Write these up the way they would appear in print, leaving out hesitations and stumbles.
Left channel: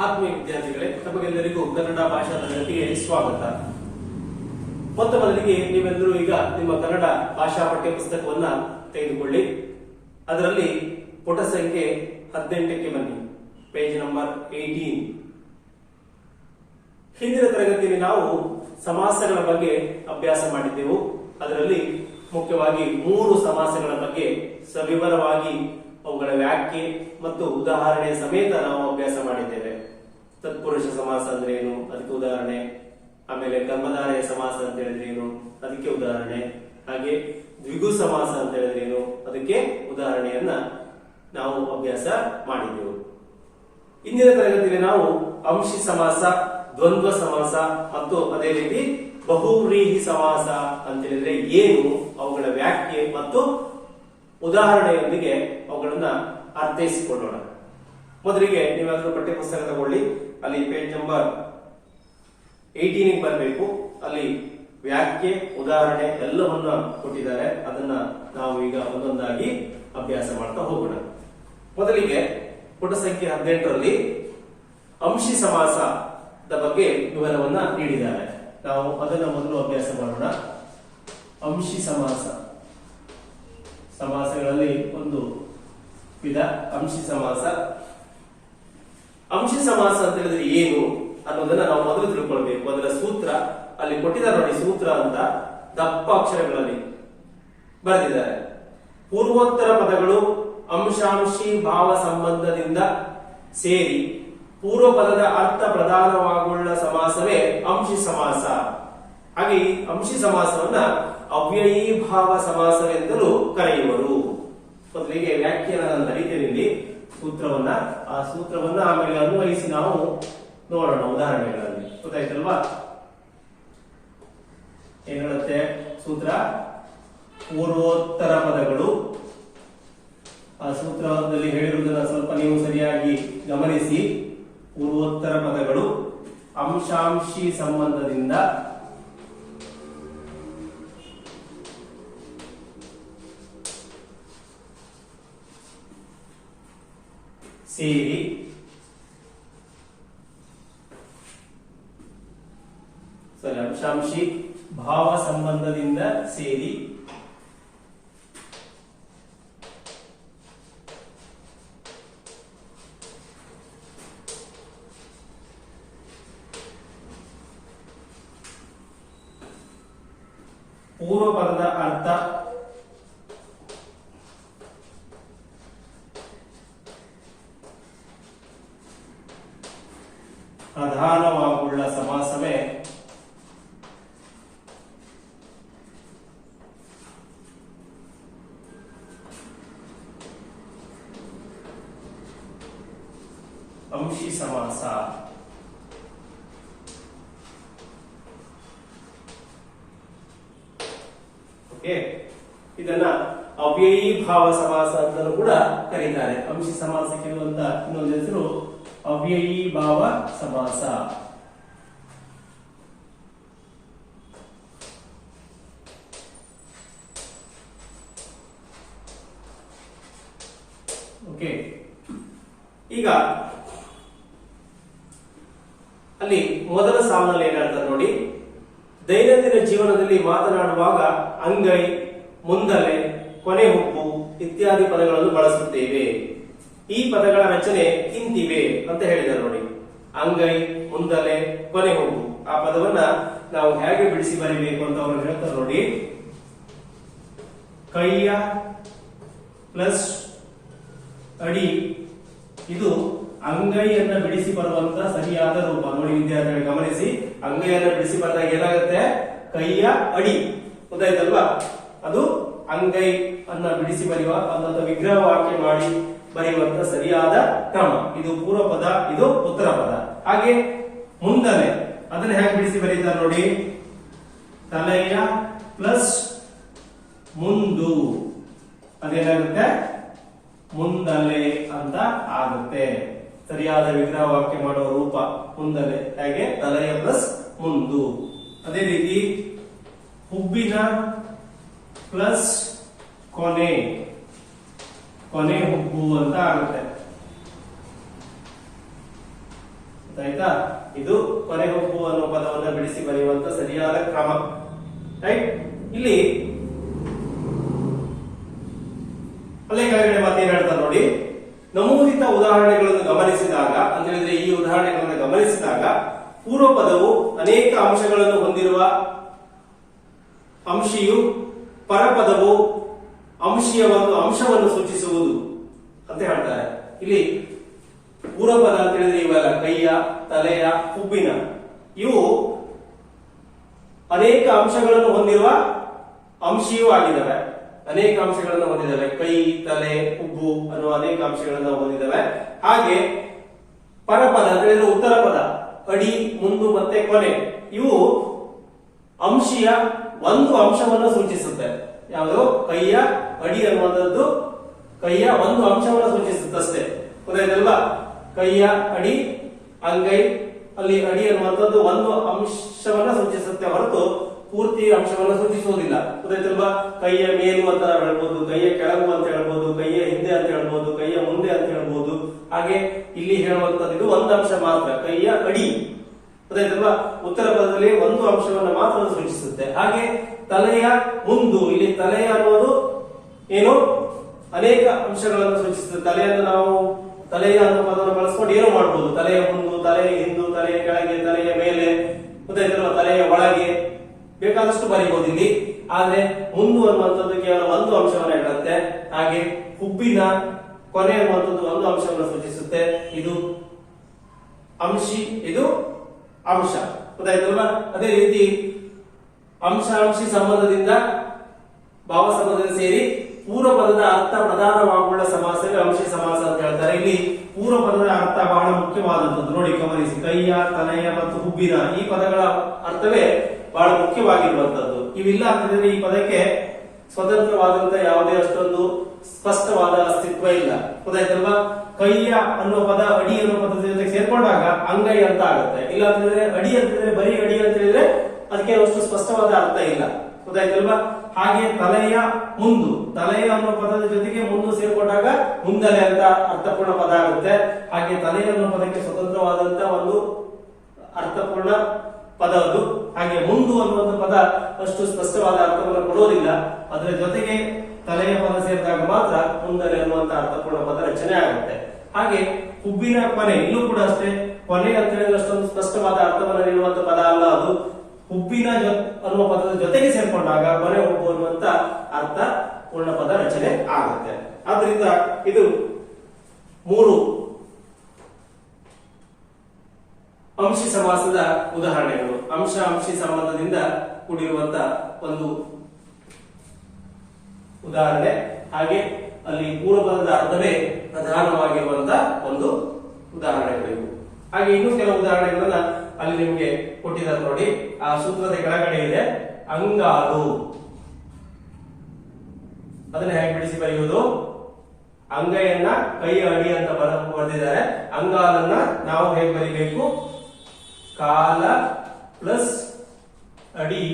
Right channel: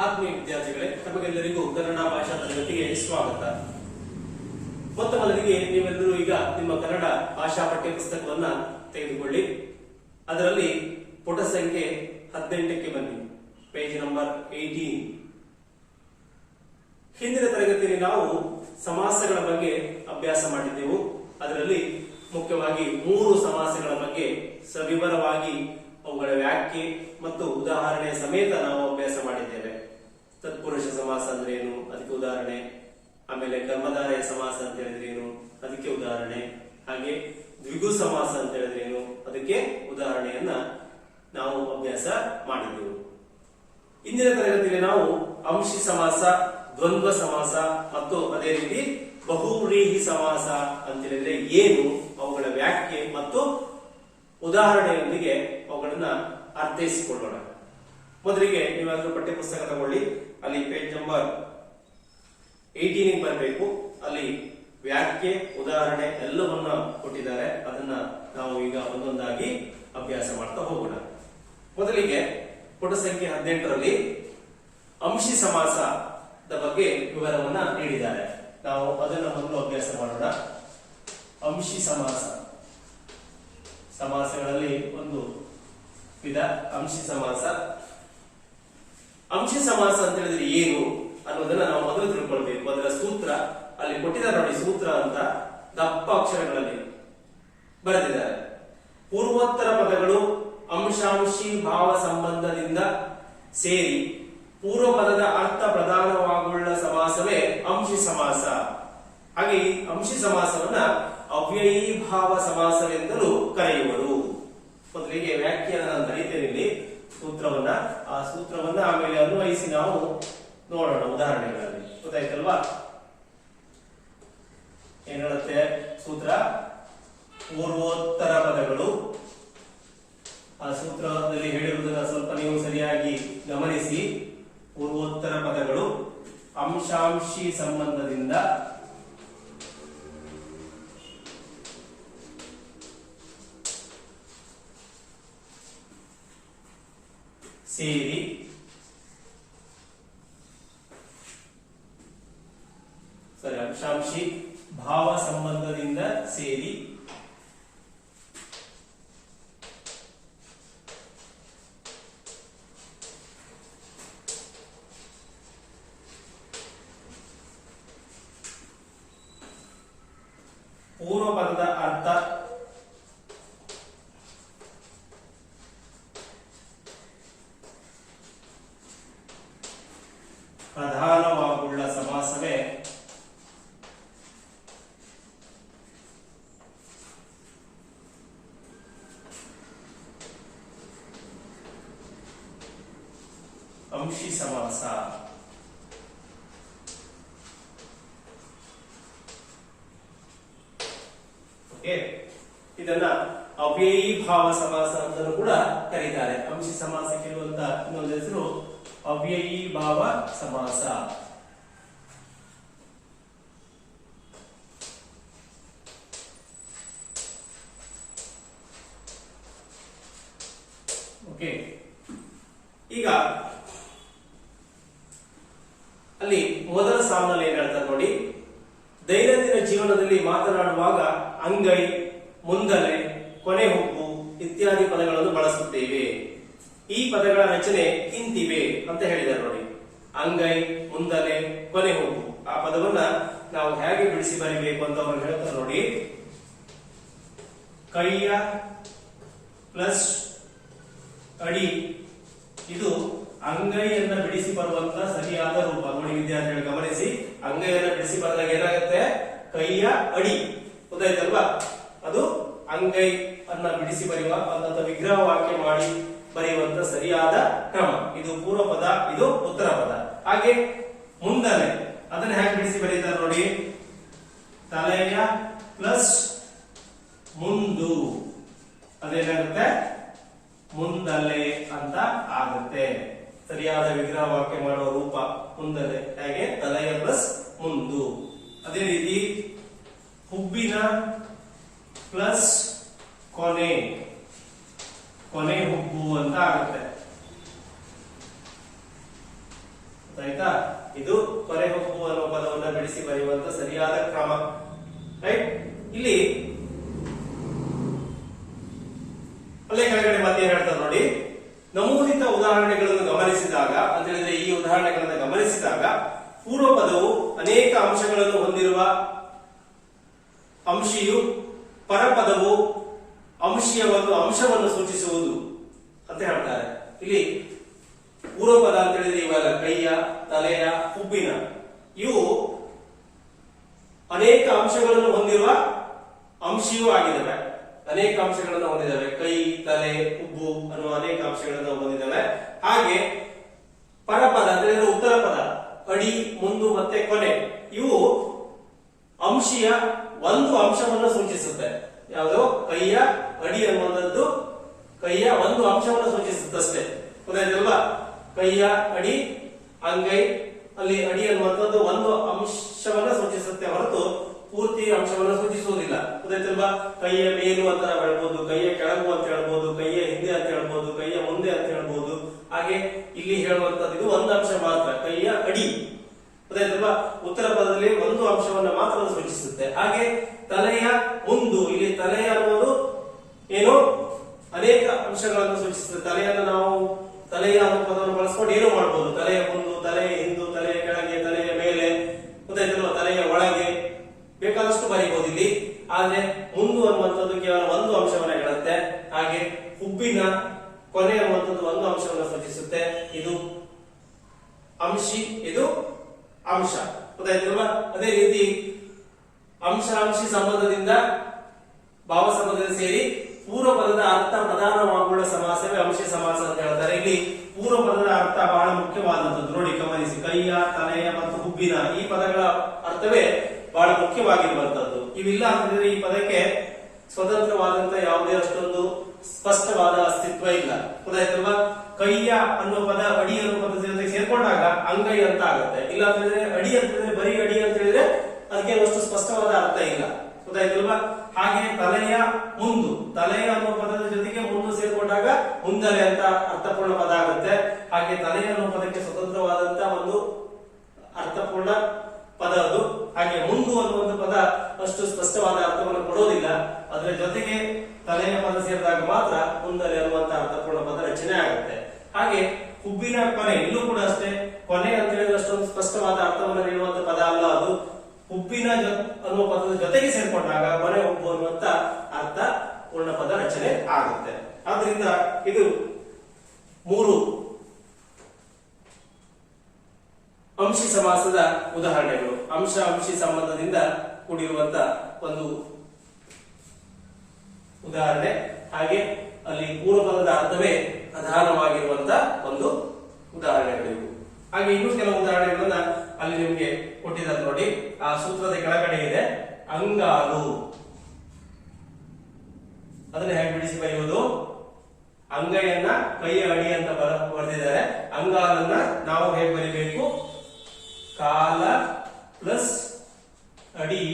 ಆತ್ಮೀಯ ವಿದ್ಯಾರ್ಥಿಗಳೇ, ತಮಗೆಲ್ಲರಿಗೂ ಕನ್ನಡ ಭಾಷಾ ತರಗತಿಗೆ ಸ್ವಾಗತ. ಮೊತ್ತ ಮೊದಲಿಗೆ ನೀವೆಲ್ಲರೂ ಈಗ ನಿಮ್ಮ ಕನ್ನಡ ಭಾಷಾ ಪಠ್ಯ ಪುಸ್ತಕವನ್ನ ತೆಗೆದುಕೊಳ್ಳಿ. ಅದರಲ್ಲಿ ಪುಟ ಸಂಖ್ಯೆ 18ಕ್ಕೆ ಬನ್ನಿ. Page number 18. ಹಿಂದಿನ ತರಗತಿಯಲ್ಲಿ ನಾವು ಸಮಾಸಗಳ ಬಗ್ಗೆ ಅಭ್ಯಾಸ ಮಾಡಿದ್ದೆವು. ಅದರಲ್ಲಿ ಮುಖ್ಯವಾಗಿ 3 ಸಮಾಸಗಳ ಬಗ್ಗೆ ಸವಿವರವಾಗಿ ಅವುಗಳ ವ್ಯಾಖ್ಯೆ ಮತ್ತು ಉದಾಹರಣೆ ಸಮೇತ ನಾವು ಅಭ್ಯಾಸ ಮಾಡಿದ್ದೇವೆ. ತತ್ಪುರುಷ ಸಮಾಸ ಅಂದ್ರೆ ಏನು, ಅದಕ್ಕೆ ಉದಾಹರಣೆ. ಆಮೇಲೆ ಕರ್ಮಧಾರಯ ಸಮಾಸ ಅಂತ ಹೇಳಿದ್ರೆ ಏನು, ಅದಕ್ಕೆ ಉದಾಹರಣೆ. ಹಾಗೆ ದ್ವಿಗು ಸಮಾಸ ಅಂತ ಹೇಳಿದ್ರೆ ಏನು, ಅದಕ್ಕೆ ಉದಾಹರಣೆಯನ್ನ ನಾವು ಅಭ್ಯಾಸ ಮಾಡಿದ್ದೆವು. ಇಂದಿನ ತರಗತಿಯಲ್ಲಿ ನಾವು ಅಂಶಿ ಸಮಾಸ, ದ್ವಂದ್ವ ಸಮಾಸ ಮತ್ತು ಅದೇ ರೀತಿ ಬಹುವ್ರೀಹಿ ಸಮಾಸ ಅಂತ ಹೇಳಿದ್ರೆ ಏನು, ಅವುಗಳ ವ್ಯಾಖ್ಯೆ ಮತ್ತು ಉದಾಹರಣೆಯೊಂದಿಗೆ ಅವುಗಳನ್ನ ಅರ್ಥೈಸಿಕೊಳ್ಳೋಣ. ಮೊದಲಿಗೆ ನೀವಾದ್ರೂ ಪಠ್ಯ ಪುಸ್ತಕ ತಗೊಳ್ಳಿ. ಅಲ್ಲಿ ಪೇಜ್ ನಂಬರ್ 18 ಬರಬೇಕು. ಅಲ್ಲಿ ವ್ಯಾಖ್ಯೆ, ಉದಾಹರಣೆ ಎಲ್ಲವನ್ನ ಕೊಟ್ಟಿದ್ದಾರೆ. ಅದನ್ನ ನಾವು ಈಗ ಒಂದೊಂದಾಗಿ ಅಭ್ಯಾಸ ಮಾಡ್ತಾ ಹೋಗೋಣ. ಮೊದಲಿಗೆ ಪುಟ ಸಂಖ್ಯೆ 18ರಲ್ಲಿ ಅಂಶಿ ಸಮಾಸದ ಬಗ್ಗೆ ವಿವರವನ್ನ ನೀಡಿದ್ದಾರೆ. ನಾವು ಅದನ್ನ ಮೊದಲು ಅಭ್ಯಾಸ ಮಾಡೋಣ. ಅಂಶಿ ಸಮಾಸ, ಸಮಾಸಗಳಲ್ಲಿ ಒಂದು ವಿಧ ಅಂಶಿ ಸಮಾಸ. ಅಂಶಿ ಸಮಾಸ ಅಂತ ಹೇಳಿದ್ರೆ ಏನು ಅನ್ನೋದನ್ನ ನಾವು ಮೊದಲು ತಿಳ್ಕೊಳ್ಬೇಕು. ಅದರ ಸೂತ್ರ ಅಲ್ಲಿ ಕೊಟ್ಟಿದ್ದಾರೆ ನೋಡಿ, ಸೂತ್ರ ಅಂತ ದಪ್ಪ ಅಕ್ಷರಗಳಲ್ಲಿ ಬರೆದಿದ್ದಾರೆ. ಪೂರ್ವೋತ್ತರ ಪದಗಳು ಅಂಶಾಂಶಿ ಭಾವ ಸಂಬಂಧದಿಂದ ಸೇರಿ ಪೂರ್ವ ಪದದ ಅರ್ಥ ಪ್ರಧಾನವಾಗುಳ್ಳ ಸಮಾಸವೇ ಅಂಶಿ ಸಮಾಸ. ಹಾಗೆ ಈ ಅಂಶಿ ಸಮಾಸವನ್ನ ಅವ್ಯಯೀ ಭಾವ ಸಮಾಸವೆಂದಲೂ ಕರೆಯುವರು. ಮೊದಲಿಗೆ ವ್ಯಾಖ್ಯಾನ ನಾನು ಬರೀತೇನೆ ಇಲ್ಲಿ ಸೂತ್ರವನ್ನ. ಆ ಸೂತ್ರವನ್ನ ಆಮೇಲೆ ಅನ್ವಯಿಸಿ ನಾವು ನೋಡೋಣ ಉದಾಹರಣೆಗಳಲ್ಲಿ. ಗೊತ್ತಾಯ್ತಲ್ವಾ? ಏನ್ ಹೇಳುತ್ತೆ ಸೂತ್ರ? ಪೂರ್ವೋತ್ತರ ಪದಗಳು. ಆ ಸೂತ್ರದಲ್ಲಿ ಹೇಳಿರುವುದನ್ನ ಸ್ವಲ್ಪ ನೀವು ಸರಿಯಾಗಿ ಗಮನಿಸಿ. ಪೂರ್ವೋತ್ತರ ಪದಗಳು ಅಂಶಾಂಶಿ ಸಂಬಂಧದಿಂದ ಸೇರಿ ಅಂಶಾಂಶಿ ಭಾವ ಸಂಬಂಧದಿಂದ ಸೇರಿ ಪೂರ್ವ ಪದದ ಅರ್ಥ ಪ್ರಧಾನವಾಗುಳ್ಳ ಸಮಾಸವೇ ಅಂಶಿ ಸಮಾಸ. ಓಕೆ, ಇದನ್ನ ಅವ್ಯಯೀ ಭಾವ ಸಮಾಸ ಅಂತಲೂ ಕೂಡ ಕರೀತಾರೆ. ಅಂಶಿ ಸಮಾಸಕ್ಕೆ ಇರುವಂತ ಇನ್ನೊಂದು ಹೆಸರು ಅವ್ಯಯೀ ಭಾವ ಸಮಾಸ. ಓಕೆ, ಈಗ ಅಲ್ಲಿ ಮೊದಲ ಸಾಲಿನಲ್ಲಿ ಏನ್ ಹೇಳ್ತಾರೆ ನೋಡಿ, ದೈನಂದಿನ ಜೀವನದಲ್ಲಿ ಮಾತನಾಡುವಾಗ ಅಂಗೈ, ಮುಂದಲೆ, ಕೊನೆ ಹುಬ್ಬು ಇತ್ಯಾದಿ ಪದಗಳನ್ನು ಬಳಸುತ್ತೇವೆ. ಈ ಪದಗಳ ರಚನೆ ಇಂತಿವೆ ಅಂತ ಹೇಳಿದ್ದಾರೆ ನೋಡಿ. ಅಂಗೈ, ಮುಂದಲೆ, ಕೊನೆ ಹುಬ್ಬು, ಆ ಪದವನ್ನ ನಾವು ಹೇಗೆ ಬಿಡಿಸಿ ಬರೀಬೇಕು ಅಂತ ಅವರು ಹೇಳ್ತಾರೆ ನೋಡಿ. ಕೈಯ ಪ್ಲಸ್ ಅಡಿ, ಇದು ಅಂಗೈಯನ್ನ ಬಿಡಿಸಿ ಬರುವಂತ ಸರಿಯಾದ ರೂಪ. ನೋಡಿ ವಿದ್ಯಾರ್ಥಿಗಳು ಗಮನಿಸಿ, ಅಂಗೈಯನ್ನ ಬಿಡಿಸಿ ಬಂದಾಗ ಏನಾಗುತ್ತೆ? ಕೈಯ ಅಡಿ. ಗೊತ್ತಾಯ್ತಲ್ವಾ? ಅದು ಅಂಗೈ ಅನ್ನ ಬಿಡಿಸಿ ಬರೆಯುವ ಅಥವಾ ವಿಗ್ರಹ ವಾಕ್ಯ ಮಾಡಿ ಬರೆಯುವಂತ ಸರಿಯಾದ ಕ್ರಮ. ಇದು ಪೂರ್ವ ಪದ, ಇದು ಉತ್ತರ ಪದ. ಹಾಗೆ ಮುಂದಲೆ, ಅದನ್ನ ಹೇಗೆ ಬಿಡಿಸಿ ಬರೀತಾರೆ ನೋಡಿ. ತಲೆಯ ಪ್ಲಸ್ ಮುಂದು, ಅದೇನಾಗುತ್ತೆ? ಮುಂದಲೆ ಅಂತ ಆಗುತ್ತೆ. ಸರಿಯಾದ ವಿಗ್ರಹ ವಾಕ್ಯ ಮಾಡುವ ರೂಪ ಮುಂದಲೆ. ಹಾಗೆ ತಲೆಯ ಪ್ಲಸ್ ಮುಂದು. ಅದೇ ರೀತಿ ಹುಬ್ಬಿನ ಪ್ಲಸ್ ಕೊನೆ, ಕೊನೆ ಹುಬ್ಬು ಅಂತ ಆಗುತ್ತೆ. ಆಯ್ತಾ? ಇದು ಕೊನೆ ಹೊಕ್ಕು ಅನ್ನೋ ಪದವನ್ನ ಬಿಡಿಸಿ ಬರೆಯುವಂತ ಸರಿಯಾದ ಕ್ರಮ. ರೈಟ್? ಇಲ್ಲಿ ಅಲ್ಲೇ ಕೆಳಗಡೆ ಮಾತೇನು ಹೇಳ್ತಾರೆ ನೋಡಿ, ನಮೂದಿತ ಉದಾಹರಣೆಗಳನ್ನು ಗಮನಿಸಿದಾಗ ಅಂತ ಹೇಳಿದ್ರೆ ಈ ಉದಾಹರಣೆಗಳನ್ನು ಗಮನಿಸಿದಾಗ ಪೂರ್ವ ಪದವು ಅನೇಕ ಅಂಶಗಳನ್ನು ಹೊಂದಿರುವ ಅಂಶಿಯು, ಪರಪದವು ಅಂಶೀಯ ಒಂದು ಅಂಶವನ್ನು ಸೂಚಿಸುವುದು ಅಂತ ಹೇಳ್ತಾರೆ. ಇಲ್ಲಿ ಪೂರ್ವಪದ ಅಂತ ಹೇಳಿದ್ರೆ ಇವೆಲ್ಲ ಕೈಯ, ತಲೆಯ, ಹುಬ್ಬಿನ, ಇವು ಅನೇಕ ಅಂಶಗಳನ್ನು ಹೊಂದಿರುವ ಅಂಶೀಯೂ ಆಗಿದ್ದಾವೆ. ಅನೇಕ ಅಂಶಗಳನ್ನು ಹೊಂದಿದ್ದಾವೆ. ಕೈ, ತಲೆ, ಹುಬ್ಬು ಅನ್ನುವ ಅನೇಕ ಅಂಶಗಳನ್ನು ಹೊಂದಿದ್ದಾವೆ. ಹಾಗೆ ಪರಪದ ಅಂತ ಹೇಳಿದ್ರೆ ಉತ್ತರ ಪದ, ಅಡಿ, ಮುಂದು ಮತ್ತೆ ಕೊನೆ, ಇವು ಅಂಶೀಯ ಒಂದು ಅಂಶವನ್ನು ಸೂಚಿಸುತ್ತೆ. ಯಾವುದು? ಕೈಯ ಅಡಿ ಅನ್ನುವಂಥದ್ದು ಕೈಯ ಒಂದು ಅಂಶವನ್ನು ಸೂಚಿಸುತ್ತಷ್ಟೇ. ಗೊತ್ತಾಯ್ತಲ್ವಾ? ಕೈಯ ಅಡಿ, ಅಂಗೈ, ಅಲ್ಲಿ ಅಡಿ ಅನ್ನುವಂಥದ್ದು ಒಂದು ಅಂಶವನ್ನ ಸೂಚಿಸುತ್ತೆ ಹೊರತು ಪೂರ್ತಿ ಅಂಶವನ್ನು ಸೂಚಿಸುವುದಿಲ್ಲ. ಗೊತ್ತಾಯ್ತಲ್ವಾ? ಕೈಯ ಮೇಲು ಅಂತ ಹೇಳ್ಬೋದು, ಕೈಯ ಕೆಳಗು ಅಂತ ಹೇಳ್ಬೋದು, ಕೈಯ ಹಿಂದೆ ಅಂತ ಹೇಳ್ಬೋದು, ಕೈಯ ಮುಂದೆ ಅಂತ ಹೇಳ್ಬೋದು. ಹಾಗೆ ಇಲ್ಲಿ ಹೇಳುವಂತದ್ದು ಇದು ಒಂದು ಅಂಶ ಮಾತ್ರ, ಕೈಯ ಅಡಿ. ಗೊತ್ತಾಯ್ತಲ್ವಾ? ಉತ್ತರ ಪದದಲ್ಲಿ ಒಂದು ಅಂಶವನ್ನು ಮಾತ್ರ ಸೂಚಿಸುತ್ತೆ. ಹಾಗೆ ತಲೆಯ ಮುಂದು, ಇಲ್ಲಿ ತಲೆಯ ಅನ್ನುವುದು ಏನು? ಅನೇಕ ಅಂಶಗಳನ್ನು ಸೂಚಿಸುತ್ತೆ. ತಲೆಯನ್ನು ನಾವು ತಲೆಯ ಅನ್ನೋ ಪದವನ್ನು ಬಳಸ್ಕೊಂಡು ಏನು ಮಾಡಬಹುದು? ತಲೆಯ ಮುಂದು, ತಲೆಯ ಹಿಂದು, ತಲೆಯ ಕೆಳಗೆ, ತಲೆಯ ಮೇಲೆ, ಗೊತ್ತಾಯ್ತಲ್ವಾ? ತಲೆಯ ಒಳಗೆ, ಬೇಕಾದಷ್ಟು ಬರೀಬಹುದು ಇಲ್ಲಿ. ಆದ್ರೆ ಮುಂದು ಅನ್ನುವಂಥದ್ದು ಕೇವಲ ಒಂದು ಅಂಶವನ್ನು ಹೇಳುತ್ತೆ. ಹಾಗೆ ಹುಬ್ಬಿನ ಕೊನೆ ಅನ್ನುವಂಥದ್ದು ಒಂದು ಅಂಶವನ್ನು ಸೂಚಿಸುತ್ತೆ. ಇದು ಅಂಶಿ, ಇದು ಅಂಶ. ಗೊತ್ತಾಯ್ತಲ್ವಾ? ಅದೇ ರೀತಿ ಅಂಶ ಅಂಶಿ ಸಂಬಂಧದಿಂದ ಭಾವ ಸಂಬಂಧದಿಂದ ಸೇರಿ ಪೂರ್ವ ಪದದ ಅರ್ಥ ಪ್ರಧಾನವಾಗುವ ಸಮಾಸವೇ ಅಂಶಿ ಸಮಾಸ ಅಂತ ಹೇಳ್ತಾರೆ. ಇಲ್ಲಿ ಪೂರ್ವ ಪದದ ಅರ್ಥ ಬಹಳ ಮುಖ್ಯವಾದಂಥದ್ದು. ನೋಡಿ, ಗಮನಿಸಿ, ಕೈಯ, ತಲೆಯ ಮತ್ತು ಹುಬ್ಬಿನ ಈ ಪದಗಳ ಅರ್ಥವೇ ಬಹಳ ಮುಖ್ಯವಾಗಿರುವಂತದ್ದು. ಇವಿಲ್ಲ ಅಂತಂದ್ರೆ ಈ ಪದಕ್ಕೆ ಸ್ವತಂತ್ರವಾದಂತ ಯಾವುದೇ ಅಷ್ಟೊಂದು ಸ್ಪಷ್ಟವಾದ ಅಸ್ತಿತ್ವ ಇಲ್ಲ. ಗೊತ್ತಾಯ್ತಲ್ವಾ? ಕೈಯ ಅನ್ನುವ ಪದ ಅಡಿ ಅನ್ನುವ ಪದದ ಜೊತೆಗೆ ಸೇರ್ಕೊಂಡಾಗ ಅಂಗೈ ಅಂತ ಆಗುತ್ತೆ. ಇಲ್ಲ ಅಂತಂದ್ರೆ ಅಡಿ ಅಂತಂದ್ರೆ ಬರೀ ಅಡಿ ಅಂತ ಹೇಳಿದ್ರೆ ಅದಕ್ಕೆ ಅಷ್ಟು ಸ್ಪಷ್ಟವಾದ ಅರ್ಥ ಇಲ್ಲ. ಗೊತ್ತಾಯ್ತಲ್ವಾ? ಹಾಗೆ ತಲೆಯ ಮುಂದು, ತಲೆಯ ಅನ್ನುವ ಪದದ ಜೊತೆಗೆ ಮುಂದು ಸೇರ್ಕೊಂಡಾಗ ಮುಂದಲೆ ಅಂತ ಅರ್ಥಪೂರ್ಣ ಪದ ಆಗುತ್ತೆ. ಹಾಗೆ ತಲೆಯ ಅನ್ನುವ ಪದಕ್ಕೆ ಸ್ವತಂತ್ರವಾದಂತ ಒಂದು ಅರ್ಥಪೂರ್ಣ ಪದ ಅದು. ಹಾಗೆ ಮುಂದು ಅನ್ನುವಂಥ ಪದ ಅಷ್ಟು ಸ್ಪಷ್ಟವಾದ ಅರ್ಥವನ್ನು ಕೊಡೋದಿಲ್ಲ. ಅದರ ಜೊತೆಗೆ ತಲೆಯ ಪದ ಸೇರಿದಾಗ ಮಾತ್ರ ಮುಂದಲೆ ಅನ್ನುವಂತ ಅರ್ಥಪೂರ್ಣ ಪದ ರಚನೆ ಆಗುತ್ತೆ. ಹಾಗೆ ಹುಬ್ಬಿನ ಕೊನೆ, ಇಲ್ಲೂ ಕೂಡ ಅಷ್ಟೇ, ಕೊನೆ ಅಂತ ಹೇಳಿದ್ರೆ ಅಷ್ಟೊಂದು ಸ್ಪಷ್ಟವಾದ ಅರ್ಥವನ್ನು ನೀಡುವಂತ ಪದ ಅಲ್ಲ ಅದು. ಹುಬ್ಬಿನ ಅನ್ನುವ ಪದದ ಜೊತೆಗೆ ಸೇರ್ಕೊಂಡಾಗ ಕೊನೆ ಹುಬ್ಬು ಅನ್ನುವಂತ ಅರ್ಥ ಪೂರ್ಣ ಪದ ರಚನೆ ಆಗುತ್ತೆ. ಆದ್ರಿಂದ ಇದು ಮೂರು ಅಂಶಿ ಸಮಾಸದ ಉದಾಹರಣೆಗಳು. ಅಂಶ ಅಂಶಿ ಸಂಬಂಧದಿಂದ ಕೂಡಿರುವಂತ ಒಂದು ಉದಾಹರಣೆ. ಹಾಗೆ ಅಲ್ಲಿ ಪೂರ್ವಪದದ ಅರ್ಥವೇ ಪ್ರಧಾನವಾಗಿರುವಂತ ಒಂದು ಉದಾಹರಣೆಗಳಿವು. ಹಾಗೆ ಇನ್ನೂ ಕೆಲವು ಉದಾಹರಣೆಗಳನ್ನ ಅಲ್ಲಿ ನಿಮ್ಗೆ ಕೊಟ್ಟಿದ್ದಾರೆ ನೋಡಿ. ಆ ಸೂತ್ರದ ಕೆಳಗಡೆ ಇದೆ ಅಂಗಾಲು. ಅದನ್ನ ಹೇಗೆ ಬಿಡಿಸಿ ಬರೆಯುವುದು? ಅಂಗೈಯನ್ನ ಕೈಯ ಅಡಿ ಅಂತ ಬರೆದಿದ್ದಾರೆ. ಅಂಗಾಲನ್ನ ನಾವು ಹೇಗೆ ಬರೀಬೇಕು? ಕಾಲ ಪ್ಲಸ್ ಅಡಿ,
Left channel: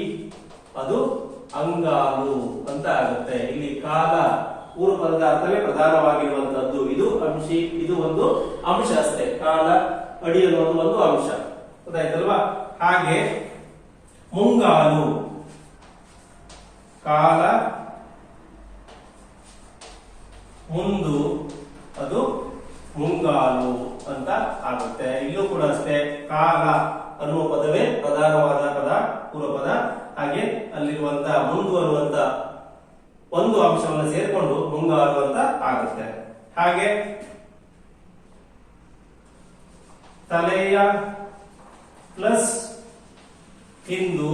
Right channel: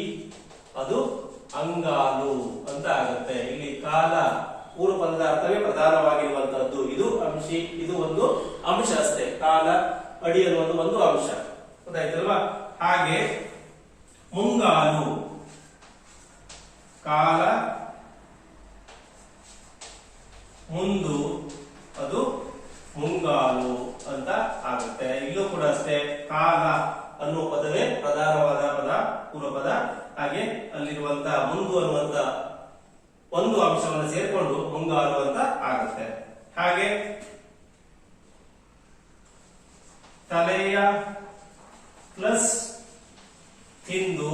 ಅದು ಅಂಗಾಲು ಅಂತ ಆಗುತ್ತೆ. ಇಲ್ಲಿ ಕಾಲ ಪೂರ್ವ ಪದದ ಅರ್ಥವೇ ಪ್ರಧಾನವಾಗಿರುವಂತಹದ್ದು. ಇದು ಅಂಶಿ, ಇದು ಒಂದು ಅಂಶ ಅಷ್ಟೇ. ಕಾಲ ಅಡಿ ಅನ್ನೋದು ಒಂದು ಅಂಶ. ಗೊತ್ತಾಯ್ತಲ್ವಾ? ಹಾಗೆ ಮುಂಗಾಲು, ಕಾಲ ಮುಂದು, ಅದು ಮುಂಗಾಲು ಅಂತ ಆಗುತ್ತೆ. ಇಲ್ಲೂ ಕೂಡ ಅಷ್ಟೇ, ಕಾಲ ಅನ್ನುವ ಪದವೇ ಪ್ರಧಾನವಾದ ಪದ, ಪೂರ್ವ ಪದ. ಹಾಗೆ ಅಲ್ಲಿರುವಂತಹ ಮುಂದು ಅನ್ನುವಂತ ಒಂದು ಅಂಶವನ್ನು ಸೇರಿಕೊಂಡು ಮುಂಗಾಲು ಅಂತ ಆಗುತ್ತೆ. ಹಾಗೆ ತಲೆಯ ಪ್ಲಸ್ ಹಿಂದು,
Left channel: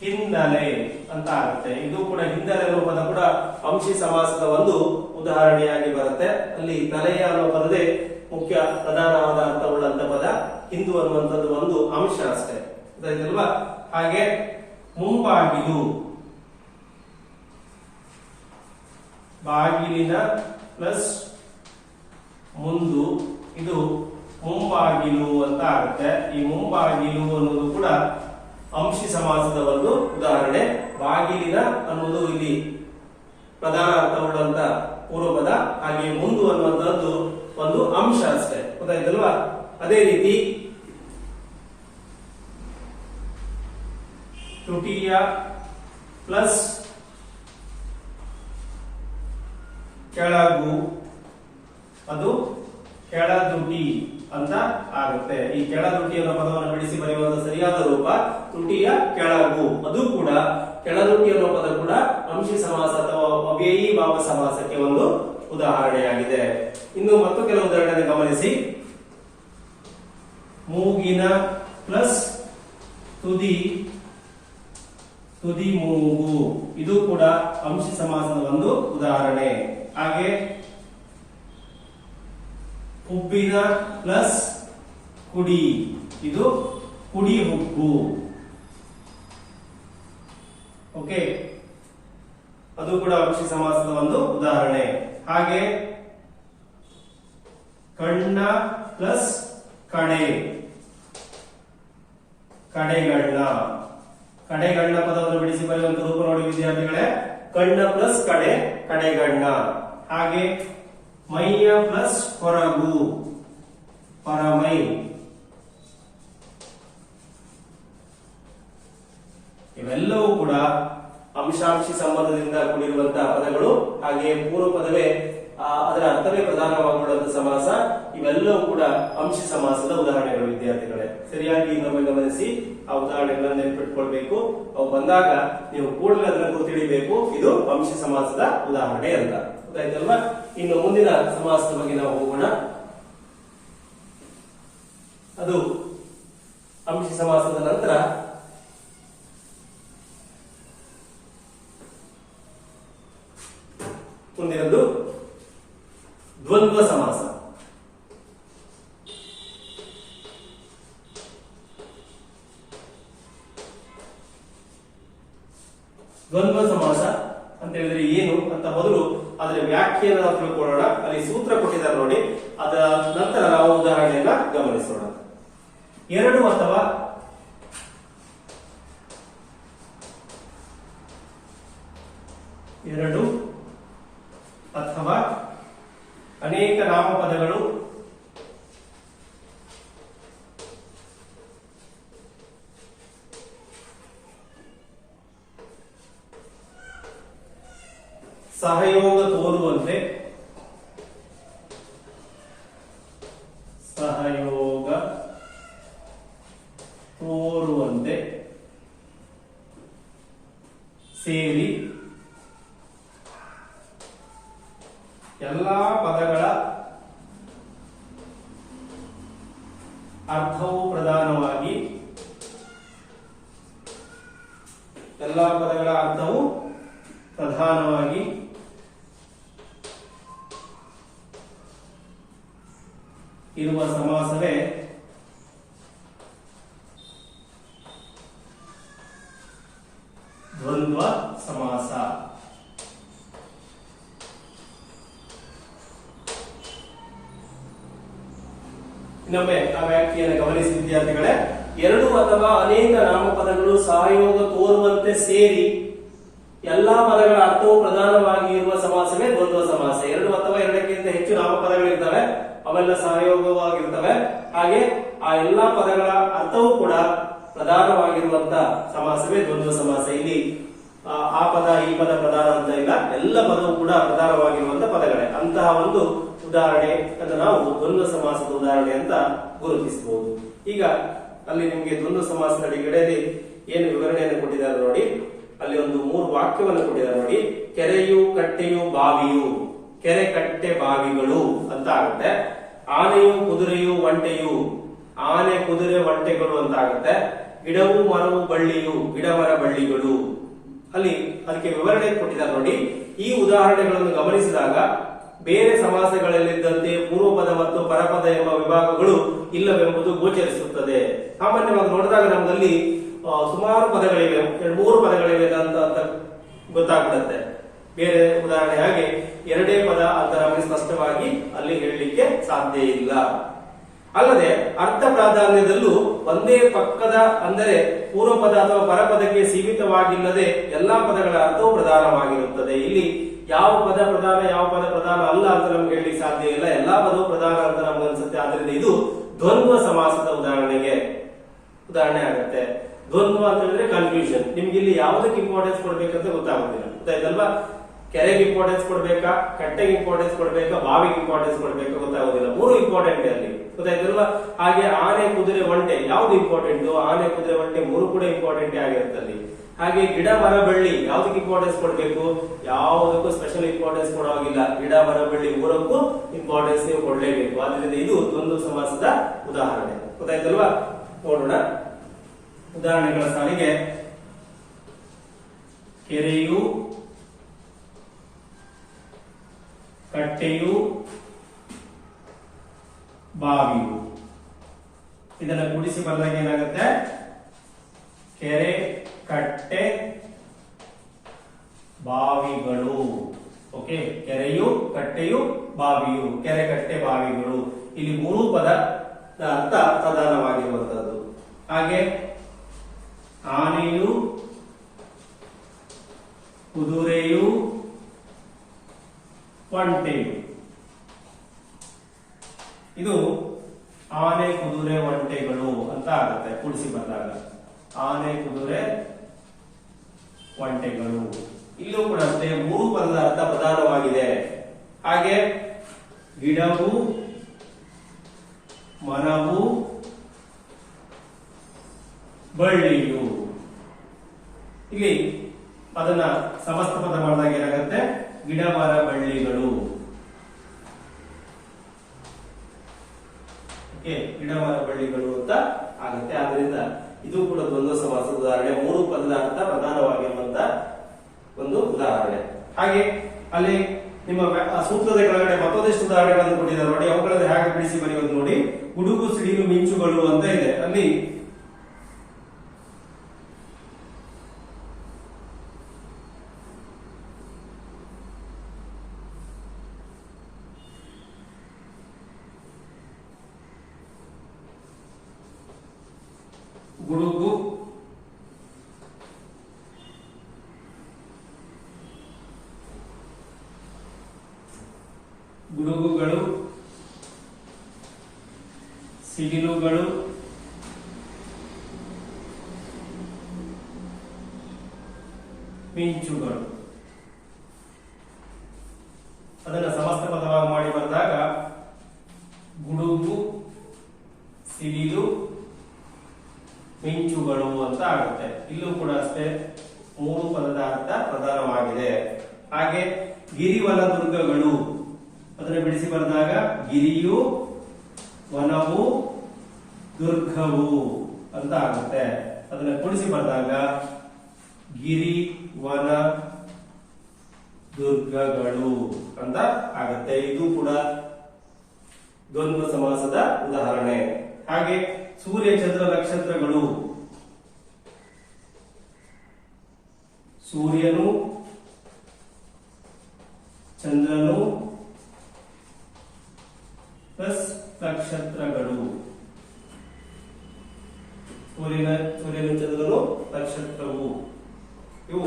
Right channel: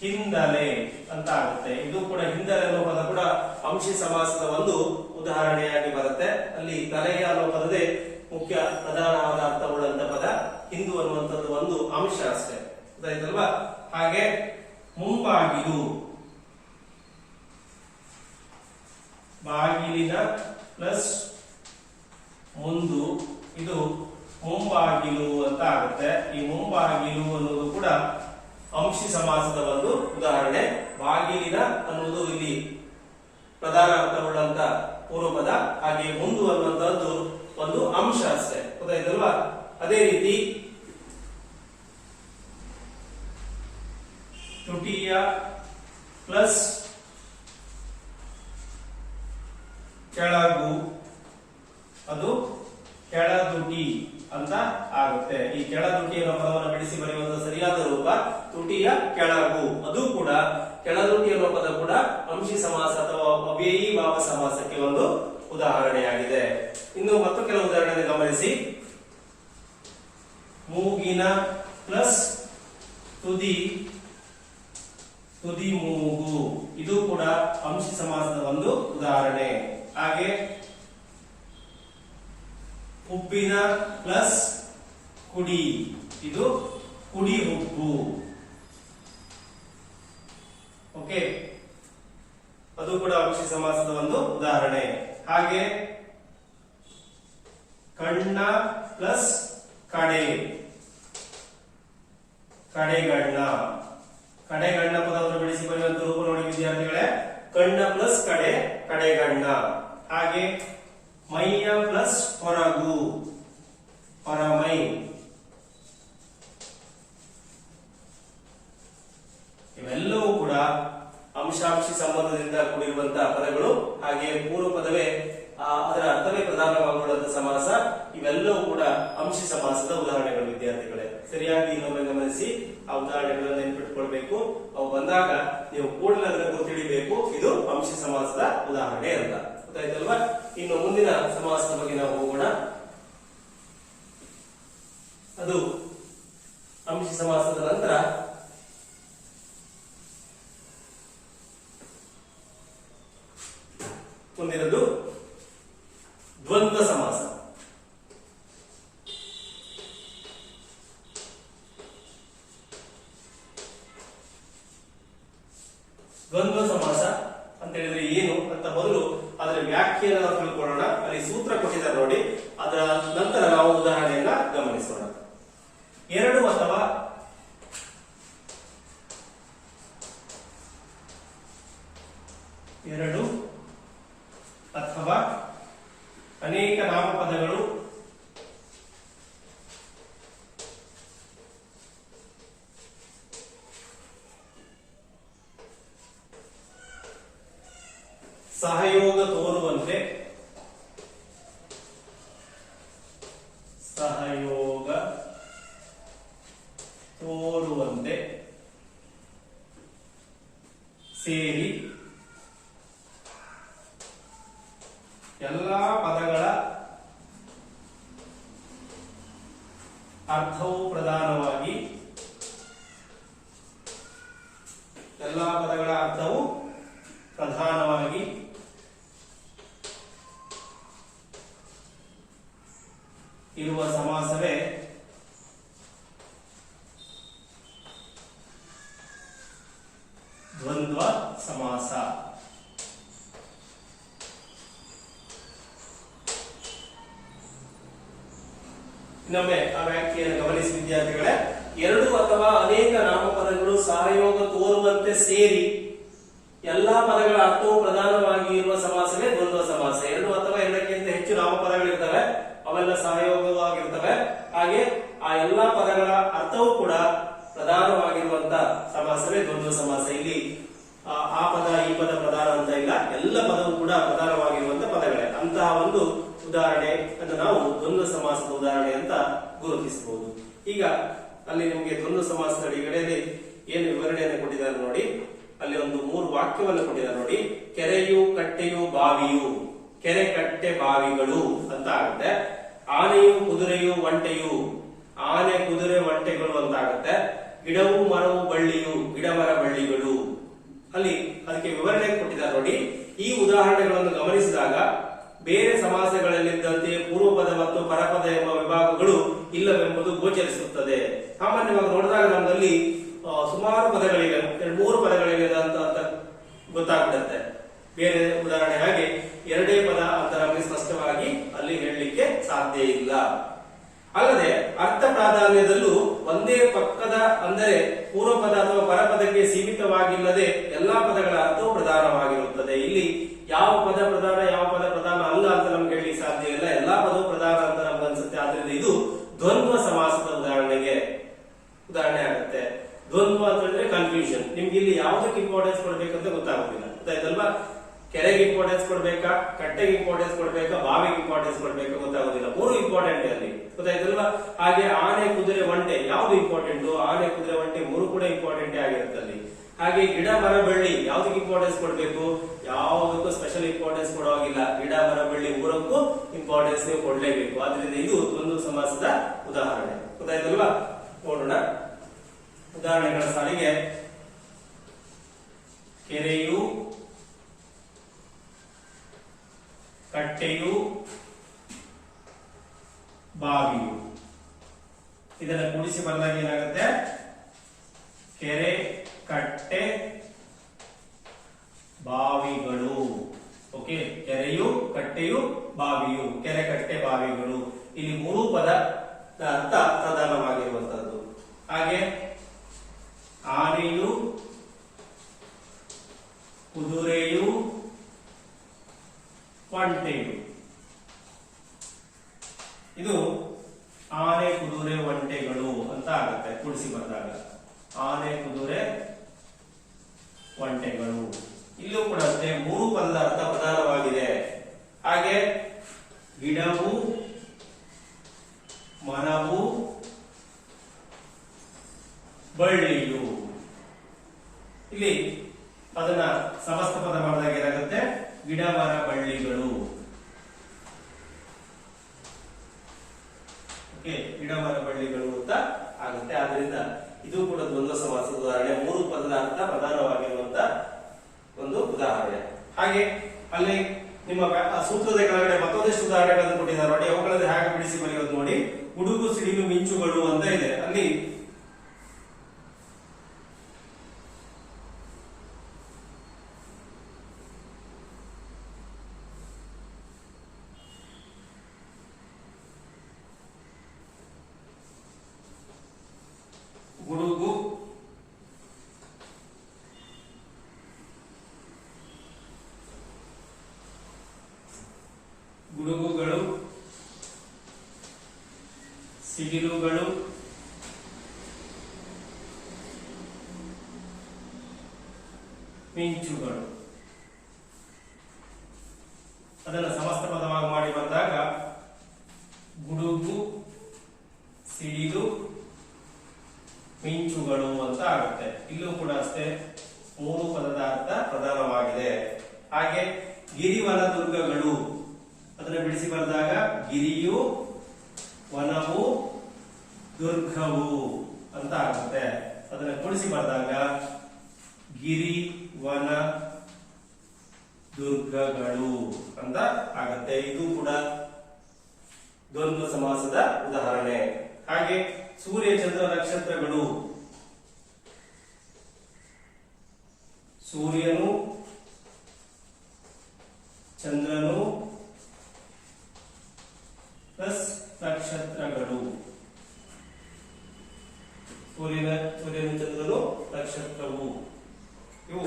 ಹಿನ್ನೆಲೆ ಅಂತ ಆಗುತ್ತೆ. ಇದು ಕೂಡ ಹಿನ್ನೆಲೆ ಅನ್ನೋ ಪದ ಕೂಡ ಅಂಶಿ ಸಮಾಸದ ಒಂದು ಉದಾಹರಣೆಯಾಗಿ ಬರುತ್ತೆ. ಅಲ್ಲಿ ತಲೆಯ ಅನ್ನೋ ಪದದೇ ಮುಖ್ಯ ಪ್ರಧಾನವಾದ ಅರ್ಥವುಳ್ಳಂತ ಪದ. ಹಿಂದು ಅನ್ನುವಂಥದ್ದು ಒಂದು ಅಂಶ ಅಷ್ಟೇ. ಗೊತ್ತಾಯ್ತಲ್ವಾ? ಹಾಗೆ ಮುಂಬಾಗಿಲು, ಬಾಗಿಲಿನ ಪ್ಲಸ್ ಮುಂದು, ಇದು ಮುಂಬಾಗಿಲು ಅಂತ ಆಗುತ್ತೆ. ಈ ಮುಂಬಾಗಿಲು ಅನ್ನೋದು ಕೂಡ ಅಂಶಿ ಸಮಾಸದ ಒಂದು ಉದಾಹರಣೆ. ಬಾಗಿಲಿನ ಅನ್ನೋದು ಇಲ್ಲಿ ಪ್ರಧಾನ ಅರ್ಥವುಳ್ಳಂತ ಪೂರ್ವಪದ. ಹಾಗೆ ಮುಂದು ಅನ್ನುವಂಥದ್ದು ಒಂದು ಅಂಶ ಅಷ್ಟೇ. ಗೊತ್ತಾಯ್ತಲ್ವಾ? ಅದೇ ರೀತಿ ತುಟಿಯ ಪ್ಲಸ್ ಕೆಳಗು ಅದು ಕೆಳದುಟಿ ಅಂತ ಆಗುತ್ತೆ. ಈ ಕೆಳದುಟಿ ಅನ್ನೋ ಪದವನ್ನು ಬಿಡಿಸಿ ಬರೆಯುವ ಸರಿಯಾದ ರೂಪ ತುಟಿಯ ಕೆಳಗು. ಅದು ಕೂಡ ಕೆಳದುಟಿ ಅನ್ನೋ ಪದ ಕೂಡ ಅಂಶಿ ಸಮಾಸ ಅಥವಾ ಅವ್ಯಯೀ ಭಾವ ಸಮಾಸಕ್ಕೆ ಒಂದು ಉದಾಹರಣೆಯಾಗಿದೆ. ಇನ್ನು ಮತ್ತು ಕೆಲವು ಉದಾಹರಣೆ ಗಮನಿಸಿ. ಮೂಗಿನ ಪ್ಲಸ್ ತುದಿ ಮೂಗು, ಇದು ಕೂಡ ಅಂಶಿ ಸಮಾಸದ ಒಂದು ಉದಾಹರಣೆ. ಹಾಗೆ ಹುಬ್ಬಿನ ಪ್ಲಸ್ ಕುಡಿ, ಇದು ಕುಡಿ ಹುಬ್ಬು. ಓಕೆ, ಅದು ಕೂಡ ಅಂಶಿ ಸಮಾಸದ ಒಂದು ಉದಾಹರಣೆ. ಹಾಗೆ ಕಣ್ಣ ಪ್ಲಸ್ ಕಡೆ, ಕಡೆಗಣ್ಣ. ಕಡೆಗಣ್ಣ ಪದವನ್ನು ಬಿಡಿಸಿ ಬರೆಯುವಂತ ರೂಪ ನೋಡಿ ವಿದ್ಯಾರ್ಥಿಗಳೇ. ಕಣ್ಣ ಪ್ಲಸ್ ಕಡೆ, ಕಡೆಗಣ್ಣ. ಹಾಗೆ ಮೈಯ ಪ್ಲಸ್ ಹೊರಗು, ಹೊರಮೈ. ಇವೆಲ್ಲವೂ ಕೂಡ ಅಂಶಾಂಶಿ ಸಂಬಂಧದಿಂದ ಕೂಡಿರುವಂತಹ ಪದಗಳು. ಹಾಗೆ ಪೂರ್ವ ಪದವೇ ಅದರ ಅರ್ಥವೇ ಪ್ರಧಾನವಾಗಿರುವಂತಹ ಸಮಾಸ. ಇವೆಲ್ಲವೂ ಕೂಡ ಅಂಶಿ ಸಮಾಸದ ಉದಾಹರಣೆಗಳು ವಿದ್ಯಾರ್ಥಿಗಳೇ. ಸರಿಯಾಗಿ ಇನ್ನೊಮ್ಮೆ ಗಮನಿಸಿ, ಆ ಉದಾಹರಣೆಗಳನ್ನು ನೆನಪಿಟ್ಕೊಳ್ಬೇಕು. ಅವು ಬಂದಾಗ ನೀವು ಕೂಡಲೇ ಅದನ್ನು ಗುರುತಿಡಿಬೇಕು, ಇದು ಅಂಶಿ ಸಮಾಸದ ಉದಾಹರಣೆ ಅಂತ. ಗೊತ್ತಾಯ್ತಲ್ವಾ? ಇನ್ನು ಮುಂದಿನ ಸಮಾಸದ ಬಗ್ಗೆ ನಾವು ಹೋಗೋಣ. ಅದು ಅಂಶಿ ಸಮಾಸದ ನಂತರ ಮುಂದಿನದು ದ್ವಂದ್ವ ಸಮಾಸ. ದ್ವಂದ್ವ ಸಮಾಸ ಅಂತ ಹೇಳಿದ್ರೆ ಏನು ಅಂತ ಮೊದಲು ಅದರ ವ್ಯಾಖ್ಯಾನ ನಾವು ತಿಳ್ಕೊಳ್ಳೋಣ. ಅಲ್ಲಿ ಸೂತ್ರ ಕೊಟ್ಟಿದ್ದಾರೆ ನೋಡಿ, ಅದರ ನಂತರ ನಾವು ಉದಾಹರಣೆಯನ್ನ ಗಮನಿಸೋಣ. ಎರಡು ಅಥವಾ ಅನೇಕ ನಾಮಪದಗಳು ಸಹಯೋಗ ತೋರುವಂತೆ ಸೇರಿ ಎಲ್ಲಾ ಪದಗಳ ಅರ್ಥವು ಪ್ರಧಾನವಾಗಿ ಇರುವ ಸಮಾಸವೇ ದ್ವಂದ್ವ ಸಮಾಸ. ಇನ್ನೊಮ್ಮೆ ಆ ವ್ಯಾಖ್ಯೆಯನ್ನು ಗಮನಿಸಿ ವಿದ್ಯಾರ್ಥಿಗಳೇ. ಎರಡು ಅಥವಾ ಅನೇಕ ನಾಮಪದಗಳು ಸಹಯೋಗ ತೋರುವಂತೆ ಸೇರಿ ಎಲ್ಲಾ ಪದಗಳ ಅರ್ಥವು ಪ್ರಧಾನವಾಗಿ ಇರುವ ಸಮಾಸವೇ ದ್ವಂದ್ವ ಸಮಾಸ. ಎರಡು ಅಥವಾ ಎರಡಕ್ಕಿಂತ ಹೆಚ್ಚು ನಾಮಪದಗಳಿರ್ತವೆ, ಅವೆಲ್ಲ ಸಹಯೋಗವಾಗಿರ್ತವೆ. ಹಾಗೆ ಆ ಎಲ್ಲಾ ಪದಗಳ ಅರ್ಥವೂ ಕೂಡ ಪ್ರಧಾನವಾಗಿರುವಂತ ಸಮಾಸವೇ ದ್ವಂದ್ವ ಸಮಾಸ. ಇಲ್ಲಿ ಆ ಪದ ಈ ಪದ ಪ್ರಧಾನ ಅಂತ ಇಲ್ಲ, ಎಲ್ಲ ಪದವು ಕೂಡ ಪ್ರಧಾನವಾಗಿರುವಂತ ಪದಗಳೇ. ಅಂತಹ ಒಂದು ಉದಾಹರಣೆ ಅಂತ ನಾವು ದ್ವಂದ್ವ ಸಮಾಸದ ಉದಾಹರಣೆ ಅಂತ ಗುರುತಿಸಬಹುದು. ಈಗ ಅಲ್ಲಿ ನಿಮಗೆ ದ್ವಂದ್ವ ಸಮಾಸದ ಅಡಿಗಡೆಯಲ್ಲಿ ಏನು ವಿವರಣೆಯನ್ನು ಕೊಟ್ಟಿದ್ದಾರೆ ನೋಡಿ. ಅಲ್ಲಿ ಒಂದು 3 ವಾಕ್ಯವನ್ನು ಕೊಟ್ಟಿದ್ದಾರೆ ನೋಡಿ. ಕೆರೆಯು ಕಟ್ಟೆಯು ಬಾವಿಯು, ಕೆರೆ ಕಟ್ಟೆ ಬಾವಿಗಳು ಅಂತ ಆಗುತ್ತೆ. ಆನೆಯು ಕುದುರೆಯು ಒಂಟೆಯು, ಆನೆ ಕುದುರೆ ಒಂಟೆಗಳು ಅಂತ ಆಗುತ್ತೆ. ಗಿಡವು ಮರವು ಬಳ್ಳಿಯು, ಗಿಡ ಮರ ಬಳ್ಳಿಗಳು. ಅಲ್ಲಿ ಅದಕ್ಕೆ ವಿವರಣೆ ಕೊಟ್ಟಿದ್ದಾರೆ ನೋಡಿ. ಈ ಉದಾಹರಣೆಗಳನ್ನು ಗಮನಿಸಿದಾಗ ಬೇರೆ ಸಮಾಸಗಳಲ್ಲಿದ್ದಂತೆ ಪೂರ್ವಪದ ಮತ್ತು ಪರಪದ ಎಂಬ ವಿಭಾಗಗಳು ಇಲ್ಲವೆಂಬುದು ಗೋಚರಿಸುತ್ತದೆ. ಸಾಮಾನ್ಯವಾಗಿ ನೋಡಿದಾಗ ನಮ್ಮಲ್ಲಿ ಸುಮಾರು ಪದಗಳಿವೆ, 2-3 ಪದಗಳಿವೆ ಅಂತ ಗೊತ್ತಾಗ್ಬಿಡುತ್ತೆ. ಬೇರೆ ಉದಾಹರಣೆ ಹಾಗೆ ಎರಡೇ ಪದ ಅಂತ ನಮಗೆ ಸ್ಪಷ್ಟವಾಗಿ ಅಲ್ಲಿ ಹೇಳಲಿಕ್ಕೆ ಸಾಧ್ಯ ಇಲ್ಲ. ಅಲ್ಲದೆ ಅರ್ಥ ಪ್ರಾಧಾನ್ಯದಲ್ಲೂ ಒಂದೇ ಪಕ್ಕದ ಅಂದರೆ ಪೂರ್ವಪದ ಅಥವಾ ಪರಪದಕ್ಕೆ ಸೀಮಿತವಾಗಿಲ್ಲದೆ ಎಲ್ಲಾ ಪದಗಳ ಅರ್ಥವು ಪ್ರಧಾನವಾಗಿರುತ್ತದೆ. ಇಲ್ಲಿ ಯಾವ ಪದ ಪ್ರಧಾನ ಯಾವ ಪದ ಪ್ರಧಾನ ಅಲ್ಲ ಅಂತ ನಮ್ಗೆ ಹೇಳಲಿಕ್ಕೆ ಸಾಧ್ಯ ಇಲ್ಲ. ಎಲ್ಲಾ ಪದವು ಪ್ರಧಾನ ಅಂತ ನಮ್ಗೆ ಅನ್ಸುತ್ತೆ. ಆದ್ರಿಂದ ಇದು ದ್ವಂದ್ವ ಸಮಾಸದ ಉದಾಹರಣೆ ಆಗುತ್ತೆ. ದ್ವಂದ್ವ ಅಂತ ಹೇಳಿದ್ರೆ ಕನ್ಫ್ಯೂಷನ್. ನಿಮ್ಗೆ ಇಲ್ಲಿ ಯಾವ್ದಕ್ಕೆ ಇಂಪಾರ್ಟೆನ್ಸ್ ಕೊಡ್ಬೇಕಂತ ಗೊತ್ತಾಗೋದಿಲ್ಲ. ಗೊತ್ತಾಯ್ತಲ್ವಾ? ಕೆರೆಗೆ ಇಂಪಾರ್ಟೆನ್ಸ್ ಕೊಡ್ಬೇಕಾ, ಕಟ್ಟೆಗೆ ಇಂಪಾರ್ಟೆನ್ಸ್ ಕೊಡ್ಬೇಕಾ, ಬಾವಿಗೆ ಇಂಪಾರ್ಟೆನ್ಸ್ ಕೊಡ್ಬೇಕಾ ಗೊತ್ತಾಗೋದಿಲ್ಲ. ಮೂರು ಇಂಪಾರ್ಟೆಂಟ್ ಅಲ್ಲಿ. ಗೊತ್ತಾಯ್ತಲ್ವಾ? ಹಾಗೆ ಆನೆ, ಕುದುರೆ, ಒಂಟೆ ಯಾವ್ದು ಇಂಪಾರ್ಟೆಂಟ್? ಆನೆ, ಕುದುರೆ, ಒಂಟೆ ಮೂರು ಕೂಡ ಇಂಪಾರ್ಟೆಂಟ್ ಆಗಿರುತ್ತೆ ಅಲ್ಲಿ. ಹಾಗೆ ಗಿಡ, ಮರ, ಬಳ್ಳಿ ಯಾವ್ದಕ್ಕೆ ಇಂಪಾರ್ಟೆನ್ಸ್ ಕೊಡ್ಬೇಕು? ಯಾವುದಕ್ಕೂ ಸ್ಪೆಷಲ್ ಇಂಪಾರ್ಟೆನ್ಸ್ ಕೊಡೋಗಿಲ್ಲ. ಗಿಡ, ಮರ, ಬಳ್ಳಿ ಮೂರಕ್ಕೂ ಇಂಪಾರ್ಟೆನ್ಸ್ ನೀವು ಕೊಡ್ಲೇಬೇಕು. ಆದ್ರಿಂದ ಇದು ದ್ವಂದ್ವ ಸಮಾಸದ ಉದಾಹರಣೆ. ಗೊತ್ತಾಯ್ತಲ್ವಾ? ನೋಡೋಣ ಉದಾಹರಣೆಗಳ ಸಾಲಿಗೆ. ಕೆರೆಯು, ಕಟ್ಟೆಯು, ಬಾವಿಯು. ಇದನ್ನ ಕೂಡಿಸಿ ಬಂದಾಗ ಏನಾಗುತ್ತೆ? ಕೆರೆ, ಕಟ್ಟೆ, ಬಾವಿಗಳು. ಓಕೆ, ಕೆರೆಯು, ಕಟ್ಟೆಯು, ಬಾವಿಯು. ಕೆರೆ, ಕಟ್ಟೆ, ಬಾವಿಗಳು. ಇಲ್ಲಿ ಮೂರು ಪದ ಅರ್ಥ ಪ್ರಧಾನವಾಗಿರುವಂತದ್ದು. ಹಾಗೆ ಆನೆಯು, ಕುದುರೆಯು, ಒಂಟೆಯು. ಇದು ಆನೆ, ಕುದುರೆ, ಒಂಟೆಗಳು ಅಂತ ಆಗುತ್ತೆ ಕೂಡಿಸಿ ಬಂದಾಗ. ಆನೆ, ಕುದುರೆ, ಒಂಟೆಗಳು. ಇಲ್ಲೂ ಕೂಡ ಅಷ್ಟೇ ಮೂರು ಪದದ ಅರ್ಥ ಪ್ರಧಾನವಾಗಿದೆ. ಹಾಗೆ ಗಿಡವು, ಮರವು, ಬಳ್ಳಿಯು. ಇಲ್ಲಿ ಅದನ್ನ ಸಮಸ್ತ ಪದ ಮಾಡಿದಾಗ ಏನಾಗುತ್ತೆ? ಗಿಡ, ಮರ, ಬಳ್ಳಿಗಳು. ಓಕೆ, ಗಿಡ, ಮರ, ಬಳ್ಳಿಗಳು ಅಂತ ಆಗುತ್ತೆ. ಆದ್ರಿಂದ ಇದು ಕೂಡ ದ್ವಂದ್ವ ಸಮಾಸದ ಉದಾಹರಣೆ. ಮೂರು ಪದದ ಅರ್ಥ ಪ್ರಧಾನವಾಗಿರುವಂತ ಒಂದು ಉದಾಹರಣೆ. ಹಾಗೆ ಅಲ್ಲಿ ನಿಮ್ಮ ಸೂತ್ರದ ಕೆಳಗಡೆ ಮತ್ತೊಂದಿಷ್ಟು ಉದಾಹರಣೆಗಳನ್ನು ಕೊಟ್ಟಿದ್ದಾರೆ ನೋಡಿ. ಅವುಗಳನ್ನು ಹೇಗೆ ಬಿಡಿಸಿ ಬರೆಯೋದು ನೋಡಿ. ಗುಡುಗು, ಸಿಡಿಲು, ಮಿಂಚುಗಳು ಅಂತ ಇದೆ. ಅಲ್ಲಿ ಗುಡುಗು, ಗುಡುಗುಗಳು, ಸಿಡಿಲುಗಳು, ಮಿಂಚುಗಳು. ಅದನ್ನು ಸಮಸ್ತ ಪದವಾಗಿ ಮಾಡಿ ಬಂದಾಗ ಗುಡುಗು, ಸಿಡಿಲು, ಮಿಂಚುಗಳು ಅಂತ ಆಗುತ್ತೆ. ಇಲ್ಲೂ ಕೂಡ ಅಷ್ಟೇ ಮೂರು ಪದದ ಅರ್ಥ ಪ್ರಧಾನವಾಗಿದೆ. ಹಾಗೆ ಗಿರಿ, ವನ, ದುರ್ಗಗಳು. ಅದನ್ನು ಬಿಡಿಸಿ ಬರೆದಾಗ ಗಿರಿಯು, ವನವು, ದುರ್ಗವು ಅಂತ ಆಗುತ್ತೆ. ಅದನ್ನ ಕೂಡಿಸಿ ಬರೆದಾಗ ಗಿರಿ, ವನ, ದುರ್ಗಗಳು ಅಂತ ಆಗುತ್ತೆ. ಇದು ಕೂಡ ದ್ವಂದ್ವ ಸಮಾಸದ ಉದಾಹರಣೆ. ಹಾಗೆ ಸೂರ್ಯ, ಚಂದ್ರ, ನಕ್ಷತ್ರಗಳು. ಸೂರ್ಯನು, ಚಂದ್ರನು ಪ್ಲಸ್ ನಕ್ಷತ್ರಗಳು. ಸೂರ್ಯನು, ಚಂದ್ರನು, ನಕ್ಷತ್ರವು. ಇವು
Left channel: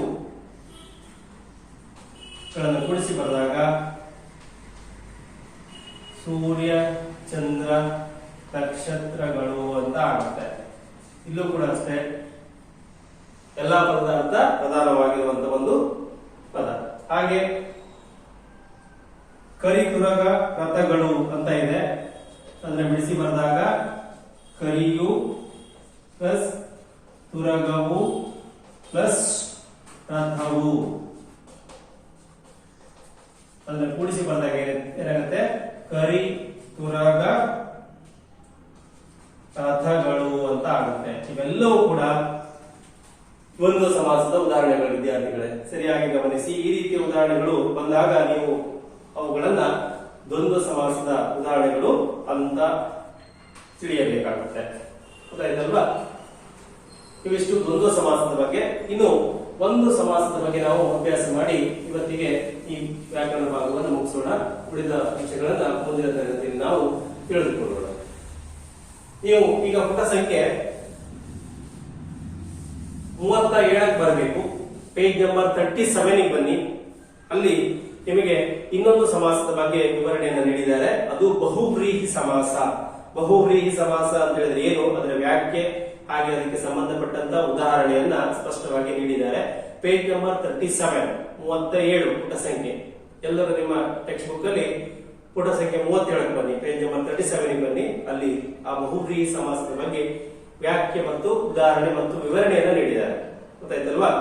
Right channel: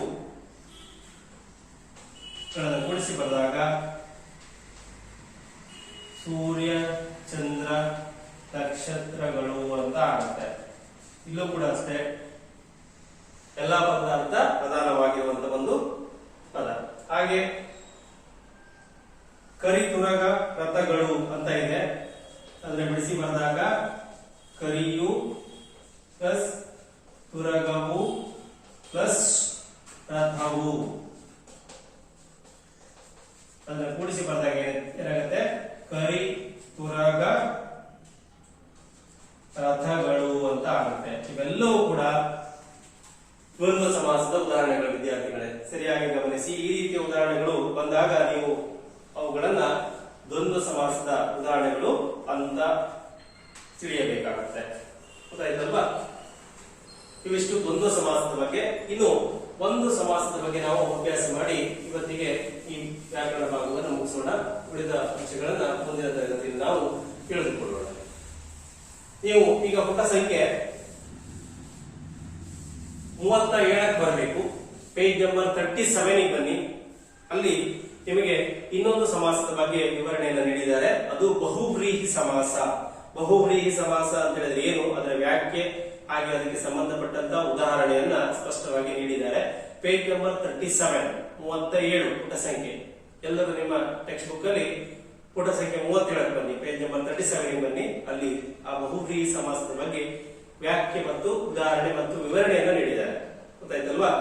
ಗಳನ್ನು ಕೂಡಿಸಿ ಬರೆದಾಗ ಸೂರ್ಯ, ಚಂದ್ರ, ನಕ್ಷತ್ರಗಳು ಅಂತ ಆಗುತ್ತೆ. ಇಲ್ಲೂ ಕೂಡ ಅಷ್ಟೇ ಎಲ್ಲಾ ಪದದ ಅರ್ಥ ಪ್ರಧಾನವಾಗಿರುವಂತಹ ಒಂದು ಪದ. ಹಾಗೆ ಕರಿತುರಗ, ರಥಗಳು ಅಂತ ಇದೆ. ಅದನ್ನ ಬಿಡಿಸಿ ಬರೆದಾಗ ಕರಿಯು ಪ್ಲಸ್ ತುರಗವು ಪ್ಲಸ್ ರಥವು. ಅದನ್ನ ಕೂಡಿಸಿ ಬರೆದಾಗ ಏನಾಗುತ್ತೆ? ಕರಿ, ತುರಗ, ರಥಗಳು ಅಂತ ಆಗುತ್ತೆ. ಇವೆಲ್ಲವೂ ಕೂಡ ದ್ವಂದ್ವ ಸಮಾಸದ ಉದಾಹರಣೆಗಳು. ವಿದ್ಯಾರ್ಥಿಗಳೇ ಸರಿಯಾಗಿ ಗಮನಿಸಿ. ಈ ರೀತಿಯ ಉದಾಹರಣೆಗಳು ಬಂದಾಗ ನೀವು ಅವುಗಳನ್ನ ದ್ವಂದ್ವ ಸಮಾಸದ ಉದಾಹರಣೆಗಳು ಅಂತ ತಿಳಿಯಬೇಕಾಗುತ್ತೆ. ಗೊತ್ತಾಯ್ತಲ್ವಾ? ಇವಿಷ್ಟು ದ್ವಂದ್ವ ಸಮಾಸದ ಬಗ್ಗೆ. ಇನ್ನು ಒಂದು ಸಮಾಸದ ಬಗ್ಗೆ ನಾವು ಅಭ್ಯಾಸ ಮಾಡಿ ಇವತ್ತಿಗೆ ಈ ವ್ಯಾಕರಣ ಭಾಗವನ್ನು ಮುಗಿಸೋಣ. ಉಳಿದ ವಿಷಯಗಳನ್ನ ಮುಂದಿನ ತರಗತಿಯಲ್ಲಿ ನಾವು ತಿಳಿದುಕೊಳ್ಳೋಣ. ನೀವು ಈಗ ಪುಟ ಸಂಖ್ಯೆ 37ಕ್ಕೆ ಬರಬೇಕು. ಪೇಜ್ ನಂಬರ್ 37ಗೆ ಬನ್ನಿ. ಅಲ್ಲಿ ನಿಮಗೆ ಇನ್ನೊಂದು ಸಮಾಸದ ಬಗ್ಗೆ ವಿವರಣೆಯನ್ನು ನೀಡಿದ್ದಾರೆ. ಅದು ಬಹುವ್ರೀಹಿ ಸಮಾಸ. ಬಹುವ್ರೀಹಿ ಸಮಾಸ ಅಂತ ಹೇಳಿದ್ರೆ ಏನು, ಅದರ ವ್ಯಾಖ್ಯೆ ಹಾಗೆ ಅದಕ್ಕೆ ಸಂಬಂಧಪಟ್ಟಂತ ಉದಾಹರಣೆಯನ್ನ ಸ್ಪಷ್ಟವಾಗಿ ನೀಡಿದ್ದಾರೆ. ಪೇಜ್ ನಂಬರ್ 37 37 ಪುಟ ಸಂಖ್ಯೆ. ಎಲ್ಲರೂ ನಿಮ್ಮ ಟೆಕ್ಸ್ಟ್ ಬುಕ್ ಅಲ್ಲಿ ಪುಟ ಸಂಖ್ಯೆ 37 ಬನ್ನಿ, ಪೇಜ್ ನಂಬರ್ 37 ಬನ್ನಿ. ಅಲ್ಲಿ ಆ ಬಹುವ್ರೀಹಿ ಸಮಾಸದ ಬಗ್ಗೆ ವ್ಯಾಖ್ಯೆ ಮತ್ತು ಉದಾಹರಣೆ ಮತ್ತು ವಿವರಣೆಯನ್ನ ನೀಡಿದ್ದಾರೆ. ಗೊತ್ತಾಯ್ತಲ್ವಾ?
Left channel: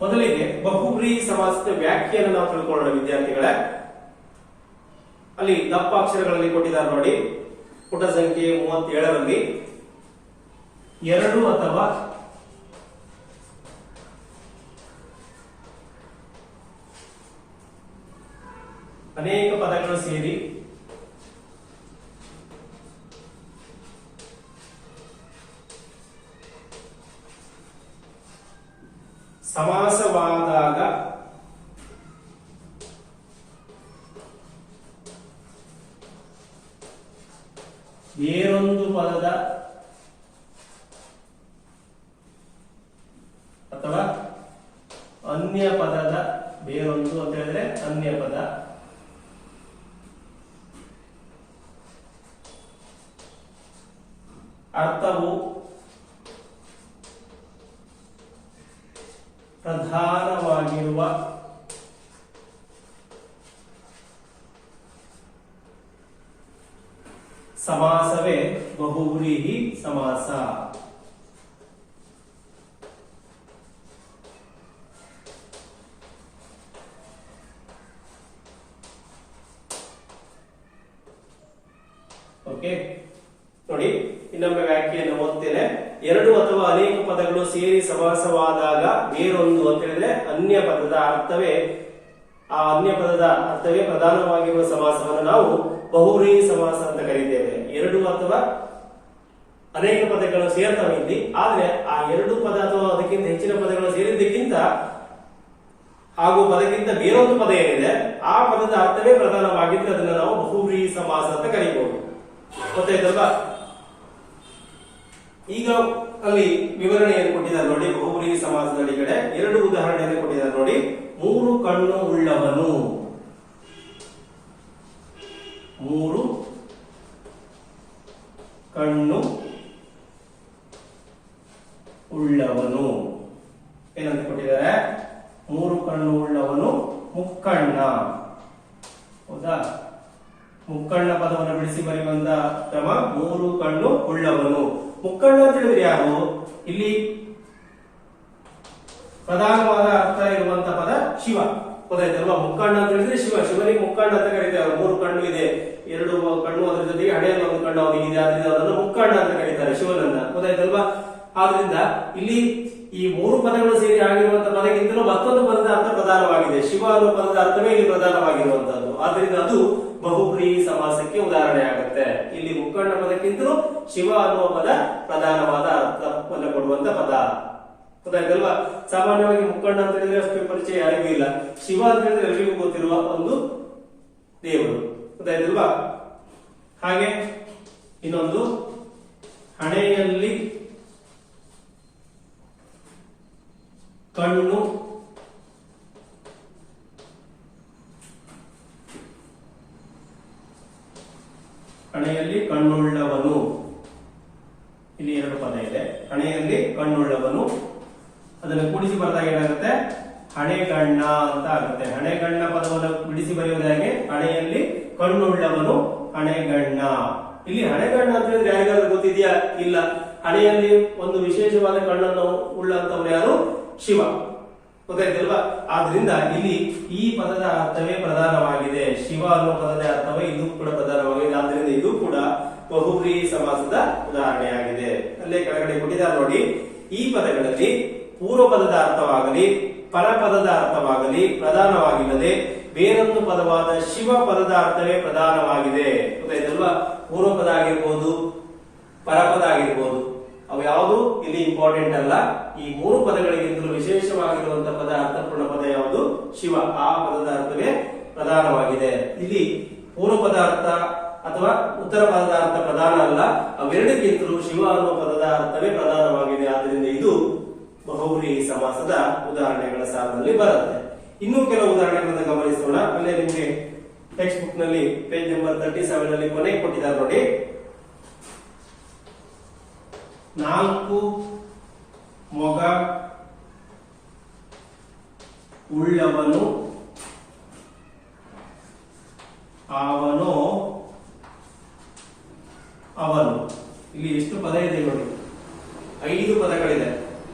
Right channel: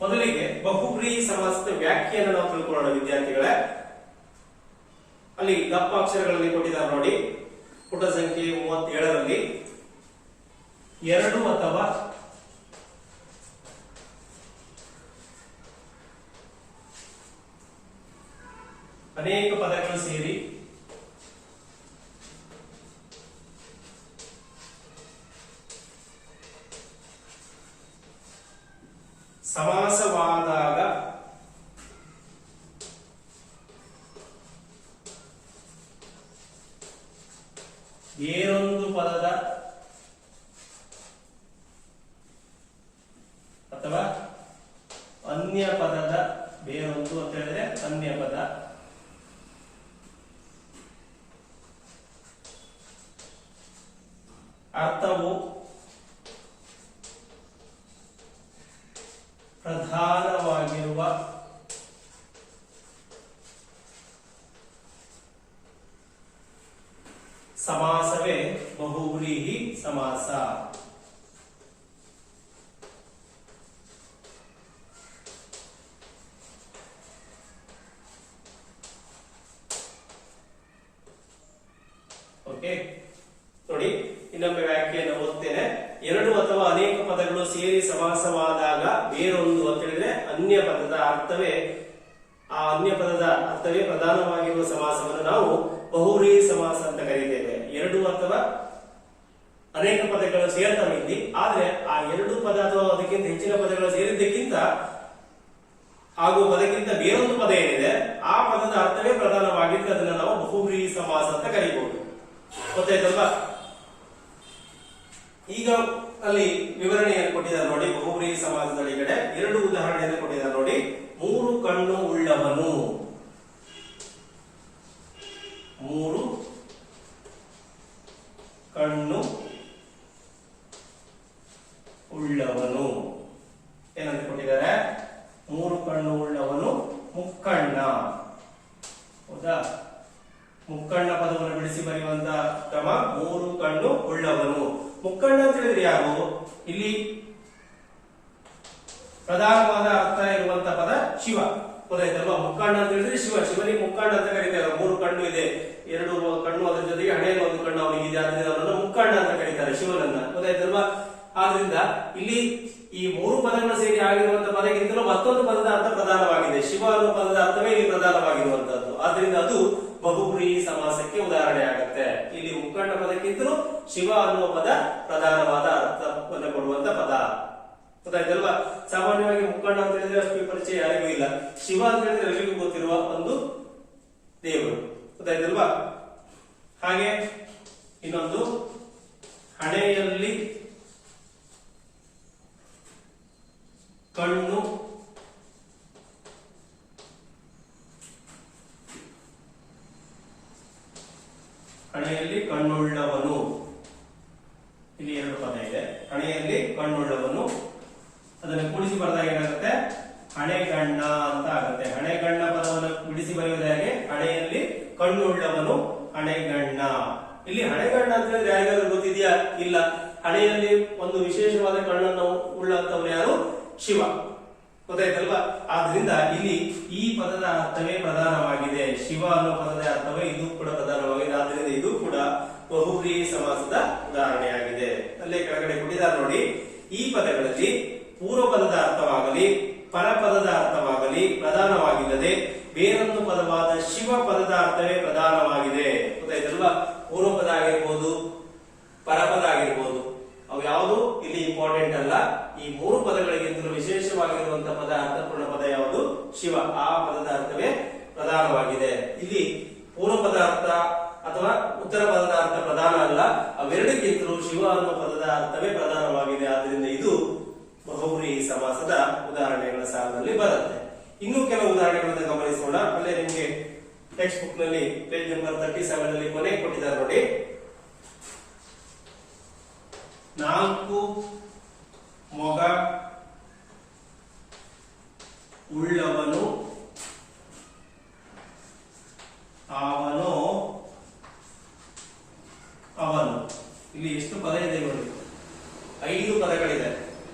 ಮೊದಲಿಗೆ ಬಹುವ್ರೀಹಿ ಸಮಾಸದ ವ್ಯಾಖ್ಯೆಯನ್ನು ನಾವು ತಿಳ್ಕೊಳ್ಳೋಣ ವಿದ್ಯಾರ್ಥಿಗಳೇ. ಅಲ್ಲಿ ದಪ್ಪ ಅಕ್ಷರಗಳಲ್ಲಿ ಕೊಟ್ಟಿದ್ದಾರೆ ನೋಡಿ, ಪುಟ ಸಂಖ್ಯೆ 37ರಲ್ಲಿ ಎರಡು ಅಥವಾ ಅನೇಕ ಪದಗಳು ಸೇರಿ ಸಮಾಸವಾದಾಗ ಬೇರೊಂದು ಪದದ ಅಥವಾ ಅನ್ಯ ಪದದ, ಬೇರೊಂದು ಅಂತ ಹೇಳಿದ್ರೆ ಅನ್ಯ ಪದ, ಅರ್ಥವು ಪ್ರಧಾನವಾಗಿರುವ ಸಮಾಸವೇ ಬಹುವ್ರೀಹಿ ಸಮಾಸ. ಓಕೆ, ನೋಡಿ ಇನ್ನೊಮ್ಮೆ ವ್ಯಾಖ್ಯೆಯನ್ನು ಓದ್ತೇನೆ. ಎರಡು ಅಥವಾ ಅನೇಕ ಪದಗಳು ಸೇರಿ ಸಮಾಸವಾದಾಗ ಬೇರೊಂದು ಅಂತ ಹೇಳಿದ್ರೆ ಅನ್ಯ ಪದದ ಅರ್ಥವೇ, ಆ ಅನ್ಯ ಪದದ ಅರ್ಥವೇ ಪ್ರಧಾನವಾಗಿರುವ ಸಮಾಸವನ್ನು ನಾವು ಬಹುವ್ರೀಹಿ ಸಮಾಸ ಅಂತ ಕರೀತೇವೆ. ಎರಡು ಅಥವಾ ಅನೇಕ ಪದಗಳು ಸೇರ್ತವೆ ಇಲ್ಲಿ, ಆದ್ರೆ ಆ ಎರಡು ಪದ ಅಥವಾ ಅದಕ್ಕಿಂತ ಹೆಚ್ಚಿನ ಪದಗಳು ಸೇರಿದ್ದಕ್ಕಿಂತ ಹಾಗೂ ಪದಕ್ಕಿಂತ ಬೇರೊಂದು ಪದ ಏನಿದೆ ಆ ಪದದ ಅರ್ಥವೇ ಪ್ರಧಾನವಾಗಿದ್ರೆ ಅದನ್ನು ನಾವು ಬಹುವ್ರೀಹಿ ಸಮಾಸ ಅಂತ ಕರೀಬಹುದು. ಗೊತ್ತಾಯ್ತಲ್ವಾ? ಈಗ ಅಲ್ಲಿ ವಿವರಣೆಯನ್ನು ಕೊಟ್ಟಿದ್ದಾರೆ ನೋಡಿ. ಬಹುವ್ರೀಹಿ ಸಮಾಸದ ಕಡೆ ಎರಡು ಉದಾಹರಣೆಯನ್ನು ಕೊಟ್ಟಿದ್ದಾರೆ ನೋಡಿ. ಮೂರು ಕಣ್ಣು ಉಳ್ಳವನು, ಮೂರು ಕಣ್ಣು ಉಳ್ಳವನು ಏನಂತ ಕೊಟ್ಟಿದ್ದಾರೆ? ಮೂರು ಕಣ್ಣು ಉಳ್ಳವನು ಮುಕ್ಕಣ್ಣ. ಹೌದಾ? ಮುಕ್ಕಣ್ಣ ಪದವನ್ನು ಬಿಡಿಸಿ ಬರೆಯುವಂತ ಕ್ರಮ ಮೂರು ಕಣ್ಣು ಉಳ್ಳವನು. ಮುಕ್ಕಣ್ಣ ಅಂತ ಹೇಳಿದ್ರೆ ಯಾರು? ಇಲ್ಲಿ ಪ್ರಧಾನವಾದ ಅರ್ಥ ಇರುವಂತ ಪದ ಶಿವ. ಗೊತ್ತಾಯ್ತಲ್ವಾ? ಮುಕ್ಕಣ್ಣ ಅಂತ ಹೇಳಿದ್ರೆ ಶಿವ. ಶಿವನಿಗೆ ಮುಕ್ಕಣ್ಣ ಅಂತ ಕರೀತಾರೆ. ಮೂರು ಕಣ್ಣು ಇದೆ, ಎರಡು ಕಣ್ಣು, ಅದರ ಜೊತೆಗೆ ಹಣೆಯಲ್ಲಿ ಒಂದು ಕಣ್ಣು ಅವನಿಗೆ ಇದೆ, ಆದ್ರಿಂದ ಅವರನ್ನು ಮುಕ್ಕಣ್ಣ ಅಂತ ಕರೀತಾರೆ ಶಿವನನ್ನ. ಗೊತ್ತಾಯ್ತಲ್ವಾ? ಆದ್ರಿಂದ ಇಲ್ಲಿ ಈ ಮೂರು ಪದಗಳು ಸೇರಿ ಆಗಿರುವಂತಹ ಪದಕ್ಕಿಂತಲೂ ಮತ್ತೊಂದು ಪದದ ಅರ್ಥ ಪ್ರಧಾನವಾಗಿದೆ. ಶಿವ ಅನ್ನುವ ಪದದ ಅರ್ಥವೇ ಇಲ್ಲಿ ಪ್ರಧಾನವಾಗಿರುವಂತದ್ದು. ಆದ್ರಿಂದ ಅದು ಬಹುವ್ರೀಹಿ ಸಮಾಸಕ್ಕೆ ಉದಾಹರಣೆ ಆಗುತ್ತೆ. ಇಲ್ಲಿ ಮುಕ್ಕಣ್ಣ ಪದಕ್ಕಿಂತಲೂ ಶಿವ ಅನ್ನುವ ಪದ ಪ್ರಧಾನವಾದ ಅರ್ಥವನ್ನು ಕೊಡುವಂತ ಪದ. ಗೊತ್ತಾಯ್ತಲ್ವಾ? ಸಾಮಾನ್ಯವಾಗಿ ಮುಕ್ಕಣ್ಣ ಅಂತ ಹೇಳಿದ್ರೆ ಅಷ್ಟು ಪರಿಚಯ ಯಾರಿಗೂ ಇಲ್ಲ. ಶಿವ ಅಂತ ಹೇಳಿದ್ರೆ ಎಲ್ಲರಿಗೂ ಗೊತ್ತಿರುವ ಒಂದು ದೇವರು. ಗೊತ್ತಾಯ್ತಲ್ವಾ? ಹಾಗೆ ಇನ್ನೊಂದು ಹಣೆಯಲ್ಲಿ ಕಣ್ಣು ಹಣೆಯಲ್ಲಿ ಕಣ್ಣುಳ್ಳವನು. ಇಲ್ಲಿ ಎರಡು ಪದ ಇದೆ. ಹಣೆಯಲ್ಲಿ ಕಣ್ಣುಳ್ಳವನು, ಅದನ್ನು ಕೂಡಿಸಿ ಬರೆದಾಗ ಏನಾಗುತ್ತೆ? ಹಣೆಗಣ್ಣ ಅಂತ ಆಗುತ್ತೆ. ಹಣೆಗಣ್ಣ ಪದವನ್ನು ಬಿಡಿಸಿ ಬರೆಯುವುದು ಹೇಗೆ? ಹಣೆಯಲ್ಲಿ ಕಣ್ಣುಳ್ಳವನು ಹಣೆಗಣ್ಣ. ಇಲ್ಲಿ ಹಣೆಗಣ್ಣ ಅಂತ ಹೇಳಿದ್ರೆ ಯಾರಿಗಾದ್ರೂ ಗೊತ್ತಿದೆಯಾ? ಇಲ್ಲ. ಹಣೆಯಲ್ಲಿ ಒಂದು ವಿಶೇಷವಾದ ಕಣ್ಣನ್ನು ಉಳ್ಳಂತವನು ಯಾರು? ಶಿವ. ಗೊತ್ತಾಯ್ತಲ್ವಾ? ಆದ್ರಿಂದ ಇಲ್ಲಿ ಈ ಪದದ ಅರ್ಥವೇ ಪ್ರಧಾನವಾಗಿದೆ. ಶಿವ ಅನ್ನೋ ಪದದ ಅರ್ಥವೇ ಇದು ಕೂಡ ಪ್ರಧಾನವಾಗಿದೆ. ಆದ್ರಿಂದ ಇದು ಕೂಡ ಬಹುವ್ರೀಹಿ ಸಮಾಸದ ಉದಾಹರಣೆಯಾಗಿದೆ. ಅಲ್ಲೇ ಕೆಳಗಡೆ ಕೊಟ್ಟಿದ್ದಾರೆ ನೋಡಿ. ಈ ಪದಗಳಲ್ಲಿ ಪೂರ್ವ ಪದದ ಅರ್ಥವಾಗಲಿ ಪರಪದದ ಅರ್ಥವಾಗಲಿ ಪ್ರಧಾನವಾಗಿಲ್ಲದೆ ಬೇರೊಂದು ಪದವಾದ ಶಿವ ಪದದ ಅರ್ಥವೇ ಪ್ರಧಾನವಾಗಿದೆ. ಗೊತ್ತಾಯ್ತಲ್ವಾ? ಪೂರ್ವ ಪದ ಆಗಿರ್ಬೋದು, ಪರಪದ ಆಗಿರ್ಬೋದು, ಅವು ಯಾವುದು ಇಲ್ಲಿ ಇಂಪಾರ್ಟೆಂಟ್ ಅಲ್ಲ. ಈ ಮೂರು ಪದಗಳಿಗಿಂತಲೂ ವಿಶೇಷವಾಗಿರುವಂತಹ ಪದ, ಅರ್ಥಪೂರ್ಣ ಪದ ಯಾವುದು? ಶಿವ. ಆ ಪದದ ಅರ್ಥವೇ ಪ್ರಧಾನವಾಗಿದೆ. ಇಲ್ಲಿ ಪೂರ್ವ ಪದ ಅರ್ಥ ಅಥವಾ ಉತ್ತರ ಪದದ ಅರ್ಥ ಪ್ರಧಾನ ಅಲ್ಲ. ಅವೆರಡಕ್ಕಿಂತ ಸಾಲಿನಲ್ಲಿ ಬರುತ್ತೆ. ಇನ್ನೂ ಕೆಲವು ಉದಾಹರಣೆಗಳನ್ನು ಗಮನಿಸೋಣ. ಅಲ್ಲೇ ನಿಮಗೆ ಟೆಕ್ಸ್ಟ್ ಬುಕ್ ನಲ್ಲಿ ಪೇಜ್ ನಂಬರ್ 37 ನಲ್ಲಿ ಕೊನೆ ಕೊಟ್ಟಿದ್ದಾರೆ ನೋಡಿ. 4 ಮೊಗ ಉಳ್ಳವನು ಅವನು ಅವನು. ಇಲ್ಲಿ ಎಷ್ಟು ಪದ ಇದೆ ನೋಡಿ? 5 ಪದಗಳಿದೆ.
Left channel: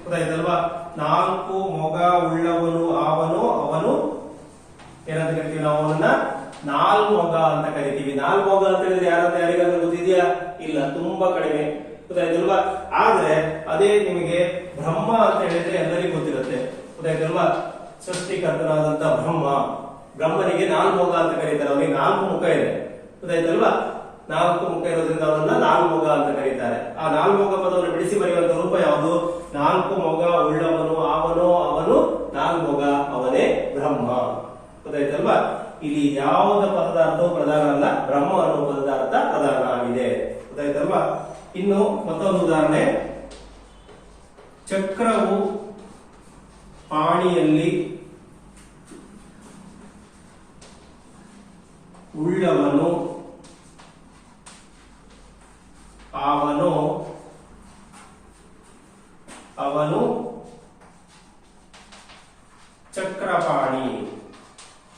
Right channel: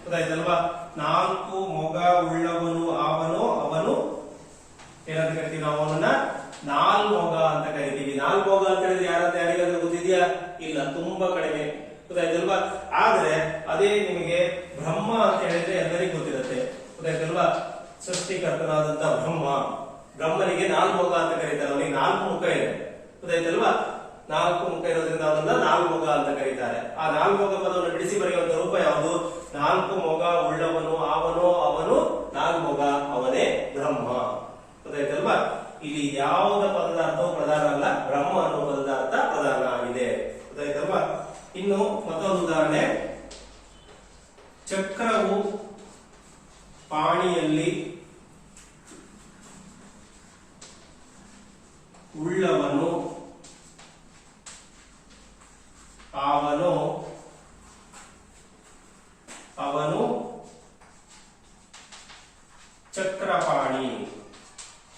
ಗೊತ್ತಾಯ್ತಲ್ವಾ? 4 ಮೊಗ ಉಳ್ಳವನು ಅವನು ಅವನು ಏನಂತ ಕರಿತೀವಿ ನಾವು? ಅವನನ್ನ ನಾಲ್ಮೊಗ ಅಂತ ಕರಿತೀವಿ. ನಾಲ್ಮೊಗ ಅಂತ ಹೇಳಿದ್ರೆ ಯಾರಂತ ಯಾರಿಗಾದ್ರೂ ಗೊತ್ತಿದೆಯಾ? ಇಲ್ಲ, ತುಂಬಾ ಕಡಿಮೆ. ಗೊತ್ತಾಯ್ತಲ್ವಾ? ಆದ್ರೆ ಅದೇ ನಿಮಗೆ ಬ್ರಹ್ಮ ಅಂತ ಹೇಳಿದ್ರೆ ಎಲ್ಲರಿಗೂ ಗೊತ್ತಿರುತ್ತೆ. ಗೊತ್ತಾಯ್ತಲ್ವಾ? ಸೃಷ್ಟಿಕರ್ತನಾದಂತ ಬ್ರಹ್ಮನಿಗೆ ನಾಲ್ಮೊಗ ಅಂತ ಕರೀತಾರೆ. ಅವನಿಗೆ 4 ಮುಖ ಇದೆ. ಗೊತ್ತಾಯ್ತಲ್ವಾ? 4 ಮುಖ ಇರೋದ್ರಿಂದ ಅವನನ್ನ ನಾಲ್ಮೊಗ ಅಂತ ಕರೀತಾರೆ. ಆ ನಾಲ್ಮೊಗ ಪದವನ್ನು ಬಿಡಿಸಿ ಬರೆಯುವಂತ ರೂಪ ಯಾವುದು? 4 ಮೊಗ ಉಳ್ಳವನು ಅವನು ಅವನು ನಾಲ್ಮೊಗ ಅವನೇ ಬ್ರಹ್ಮ. ಗೊತ್ತಾಯ್ತಲ್ವಾ? ಇಲ್ಲಿ ಯಾವುದ ಪದದ ಅರ್ಥವು ಪ್ರಧಾನ ಅಲ್ಲ, ಬ್ರಹ್ಮ ಅನ್ನುವ ಪದದ ಅರ್ಥ ಪ್ರಧಾನ ಆಗಿದೆ. ಗೊತ್ತಾಯ್ತಲ್ವಾ? ಇನ್ನು ಮತ್ತೊಂದು ಉದಾಹರಣೆ. ಚಕ್ರವು ಪಾಣಿಯಲ್ಲಿ ಉಳ್ಳವನು ಅವನು ಅವನು ಚಕ್ರಪಾಣಿ.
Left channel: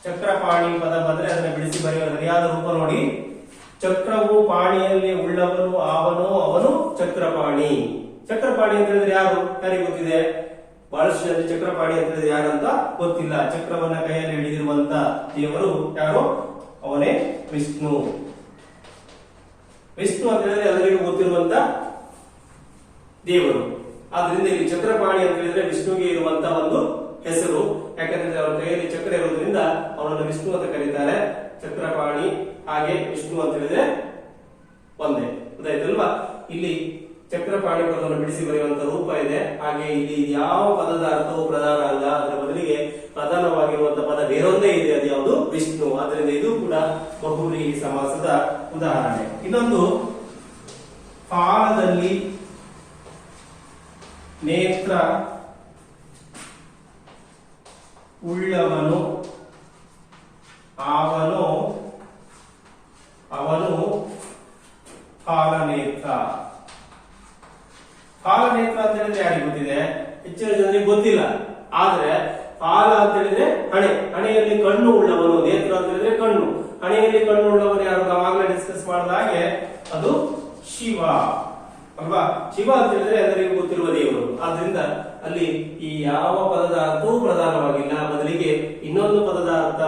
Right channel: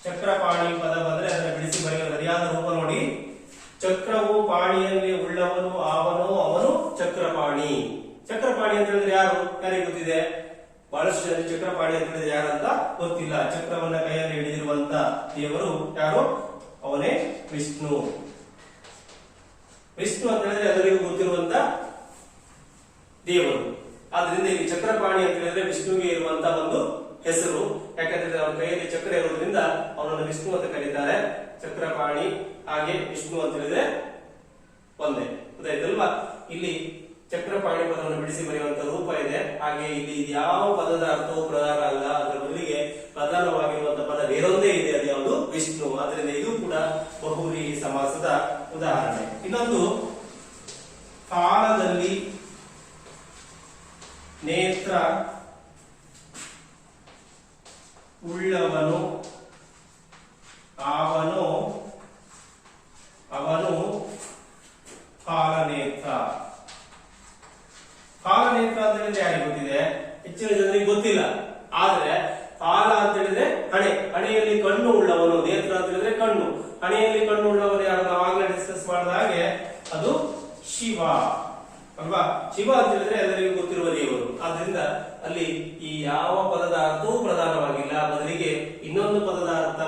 ಚಕ್ರಪಾಣಿ ಪದ ಬಂದ್ರೆ ಅದನ್ನು ಬಿಡಿಸಿ ಬರೆಯುವ ಸರಿಯಾದ ರೂಪ ನೋಡಿ. ಚಕ್ರವು ಪಾಣಿಯಲ್ಲಿ ಉಳ್ಳವನು ಅವನು ಅವನು ಚಕ್ರಪಾಣಿ. ಚಕ್ರಪಾಣಿ ಅಂತ ಹೇಳಿದ್ರೆ ಯಾರಿಗೆ ಗೊತ್ತಿದೆ? ಬಹಳಷ್ಟು ಜನ ಚಕ್ರಪಾಣಿ ಅಂತ ಹೇಳಿದ್ರೆ ಯಾರಂತ ಗೊತ್ತಿಲ್ಲ. ಚಕ್ರವನ್ನ ಕೈಯಲ್ಲಿ ಹಿಡಿದಿರುವಂತ ದೇವರು ಯಾರು? ಅವನೇ ವಿಷ್ಣು. ವಿಷ್ಣು ಅಂತ ಹೇಳಿದ್ರೆ ಎಲ್ಲರಿಗೂ ಗೊತ್ತಿರುವಂತ ದೇವರು. ಆದ್ರಿಂದ ಇಲ್ಲಿ ಚಕ್ರಪಾಣಿ ಅಂತ ಹೇಳಿದ್ರೆ ವಿಷ್ಣುವಿಗೆ ಇರುವಂತ ಒಂದು ಹೆಸರು. ಯಾಕಂದ್ರೆ ಅವನ ಕೈಯಲ್ಲಿ ಚಕ್ರ ಇರುವುದರಿಂದ ಅವನನ್ನು ವಿಷ್ಣು ಅಂತ ಕರೀತಾರೆ. ಚಕ್ರಪಾಣಿ ಹಾಗೆ ವಿಷ್ಣು ಅಂತ ಹೇಳಿದ್ರೆ ಒಂದೇ. ಗೊತ್ತಾಯ್ತಲ್ವಾ? ಇಲ್ಲಿ ಚಕ್ರಪಾಣಿ ಪದವನ್ನು ಬಿಡಿಸಿ ಬರೆಯುವಂತ ರೂಪ ಇದೆ. ಹಾಗೆ ಇಲ್ಲಿ ಯಾವ ಪದದ ಅರ್ಥವು ಪ್ರಧಾನ ಅಲ್ಲ, ಅದರ ಬದಲಿಗೆ ಪ್ರಧಾನವಾಗಿರುವಂತಹ ಪದ ಬೇರೊಂದೇ ಇದೆ. ಅದು ಯಾವುದು? ವಿಷ್ಣು. ಆದ್ದರಿಂದ ಇದು ಕೂಡ ಬಹುವ್ರೀಹಿ ಸಮಾಸದ ಉದಾಹರಣೆ. ಇನ್ನೊಂದು, ಫಾಲದಲ್ಲಿ ನೇತ್ರ ಉಳ್ಳವನು ಅವನು ಅವನು ಫಾಲನೇತ್ರ. ಫಾಲನೇತ್ರ ಅಂತ ಹೇಳಿದ್ರೆ ಯಾರಿಗೆ ಗೊತ್ತಿದೆ? ಹೆಚ್ಚಿನ ಜನರಿಗೆ ಗೊತ್ತಿಲ್ಲ. ಆದ್ರೆ ಫಾಲ ಅಂತ ಹೇಳಿದ್ರೆ ಹಣೆಯಲ್ಲಿ ಕಣ್ಣು ಉಳ್ಳವನು. ನೇತ್ರ ಅಂತ ಹೇಳಿದ್ರೆ ಕಣ್ಣು. ಹಣೆಯಲ್ಲಿ ಕಣ್ಣು ಉಳ್ಳವನು ಯಾರು? ನಾವು ಆಗ್ಲೇ ಡಿಸ್ಕಸ್ ಮಾಡಿದ ಹಾಗೆ ಅದು ಶಿವ ಅಲ್ವಾ? ಶಿವ ಅಂತ ಹೇಳಿದ್ರೆ ಎಲ್ಲರಿಗೂ ಗೊತ್ತಿರುವ ದೇವರು. ಆದ್ರಿಂದ ಅಲ್ಲಿ ಈ ಯಾವ ಪದದ ಅರ್ಥವೂ ಪ್ರಧಾನವಾಗಿಲ್ಲ, ಬದಲಿಗೆ ಇನ್ನೊಂದು ಪದದ ಅರ್ಥ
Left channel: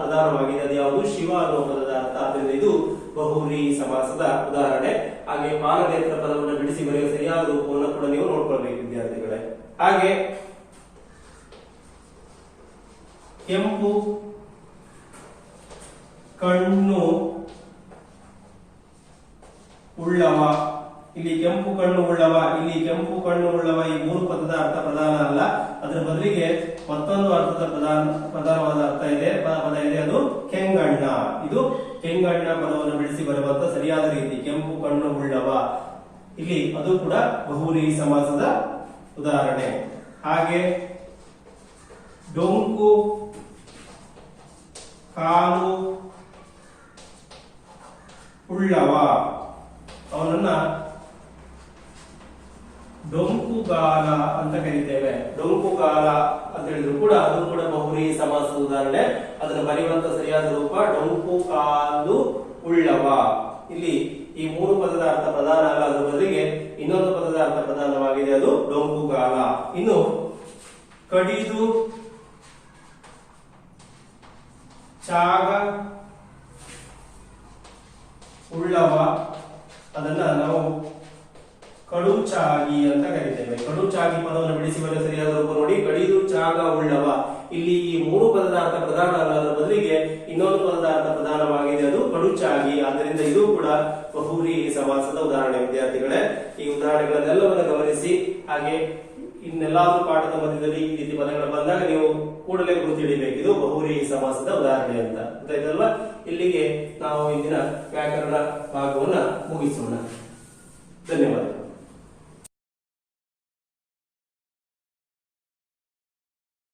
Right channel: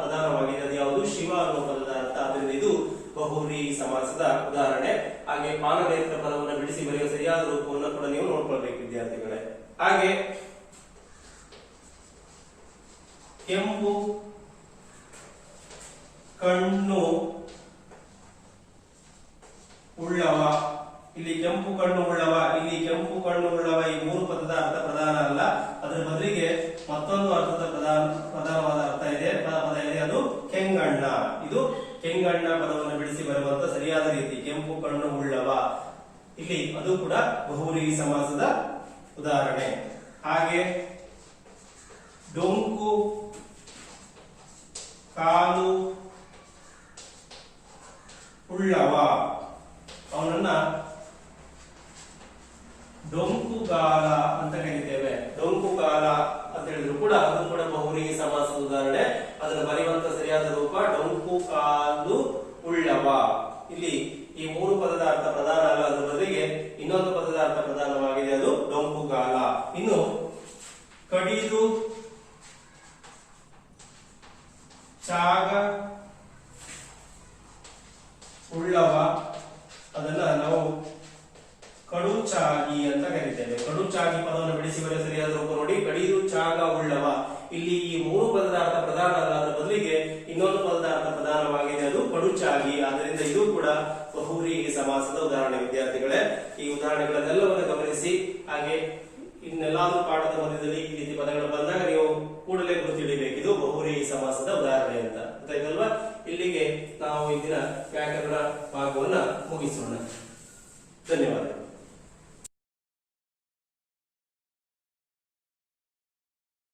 ಪ್ರಧಾನವಾಗಿದೆ. ಅದು ಯಾವುದು? ಶಿವ ಅನ್ನುವ ಪದದ ಅರ್ಥ. ಆದ್ರಿಂದ ಇದು ಬಹುವ್ರೀಹಿ ಸಮಾಸದ ಉದಾಹರಣೆ. ಹಾಗೆ ಫಾಲನೇತ್ರ ಪದವನ್ನು ಬಿಡಿಸಿ ಬರೆಯುವ ಸರಿಯಾದ ರೂಪವನ್ನು ಕೂಡ ನೀವು ನೋಡ್ಕೊಳ್ಬೇಕು ವಿದ್ಯಾರ್ಥಿಗಳೇ. ಹಾಗೆ ಕೆಂಪು ಕಣ್ಣು ಉಳ್ಳವ. ಇಲ್ಲಿ ಕೆಂಪು ಕಣ್ಣು ಉಳ್ಳವ, ಇಲ್ಲಿ ಕೆಂಪು ಕಣ್ಣು ಉಳ್ಳವ, ಈ 3 ಪದದ ಅರ್ಥ ಪ್ರಧಾನ ಅಲ್ಲ. ಅದರ ಬದಲಿಗೆ ಮತ್ತೊಂದು ಅರ್ಥದ ಪ್ರಧಾನವಾದ ಅರ್ಥ ಇದೆ, ಪದ ಇದೆ. ಅದು ಕೆಂಗಣ್ಣ. ಇದು ಕೆಂಗಣ್ಣ ಪದವನ್ನು ಬಿಡಿಸಿ ಬರುವಂತ ಸರಿಯಾದ ರೀತಿ ಕೆಂಪು ಕಣ್ಣು ಉಳ್ಳವ. ಇಲ್ಲಿ ಅದು ಕೂಡ ಬಹುವ್ರೀಹಿ ಸಮಾಸದ ಉದಾಹರಣೆ. ಹಾಗೆ ಡೊಂಕು ಕಾಲು ಉಳ್ಳವ, ಅವನನ್ನ ಡೊಂಕುಗಾಲ ಅಂತ ಕರೀತೇವೆ. ಡೊಂಕುಗಾಲ ಅಂತ ಹೇಳಿದ್ರು ಕೂಡ ಅದು ಕೂಡ ಬಹುವ್ರೀಹಿ ಸಮಾಸದ ಉದಾಹರಣೆ. ಅದನ್ನು ಬರೆಯುವಂತ ಸರಿಯಾದ ರೂಪ ಡೊಂಕು ಕಾಲು ಉಳ್ಳವ. ಇಲ್ಲಿ ಈ 3 ಪದದ ಅರ್ಥ ಪ್ರಧಾನ ಅಲ್ಲ, ಅದರ ಬದಲಿಗೆ ಇನ್ನೊಂದು ಪದದ ಅರ್ಥ ಪ್ರಧಾನವಾಗಿದೆ. ಅದು ಡೊಂಕುಗಾಲ. ಇನ್ನು ಕಡಿದು ಚಾಗ ಉಳ್ಳವ, ಅದನ್ನ ನಾವು ಕಡುಚಾಗಿ ಅಂತ ಕರೀತೇವೆ. ಕಡುಚಾಗಿ ಪದವನ್ನು ಬಿಡಿಸಿ ಬರೆಯುವ ಸರಿಯಾದ ರೂಪ ನೋಡಿ. ಕಡಿದು ಚಾಗ ಉಳ್ಳವ. ಇಲ್ಲಿ ಈ 3 ಪದದ ಅರ್ಥ ಪ್ರಧಾನ ಅಲ್ಲ, ಅದರ ಬದಲಿಗೆ ಇನ್ನೊಂದು ಪದದ ಅರ್ಥ ಪ್ರಧಾನವಾಗಿದೆ. ಅದು ಕಡುಚಾಗಿ. ಆದ್ದರಿಂದ ಇದು ಕೂಡ ಬಹುವ್ರೀಹಿ ಸಮಾಸದ ಉದಾಹರಣೆ. ವಿದ್ಯಾರ್ಥಿಗಳೇ, ಈ ಉದಾಹರಣೆಗಳನ್ನೆಲ್ಲವನ್ನು ಗಮನಿಸಿ. ಹಾಗೆ ಇನ್ನೆಲ್ಲಾದ್ರೂ ಪಾಠದ ಮಧ್ಯದಲ್ಲಿ ಈ ರೀತಿ ಪದಗಳು ಬಂದಾಗ ನೀವು ಕೂಡಲೇ ಗುರುತಿಡಿಬೇಕು, ಇದು ಬಹುವ್ರೀಹಿ ಸಮಾಸದ ಉದಾಹರಣೆ ಅಂತ. ಗೊತ್ತಾಯ್ತಲ್ವಾ? ಇಲ್ಲಿಗೆ ನಾವು ಇಂದಿನ ವ್ಯಾಕರಣ ಭಾಗವನ್ನ ಮುಗಿಸೋಣ. ಧನ್ಯವಾದ.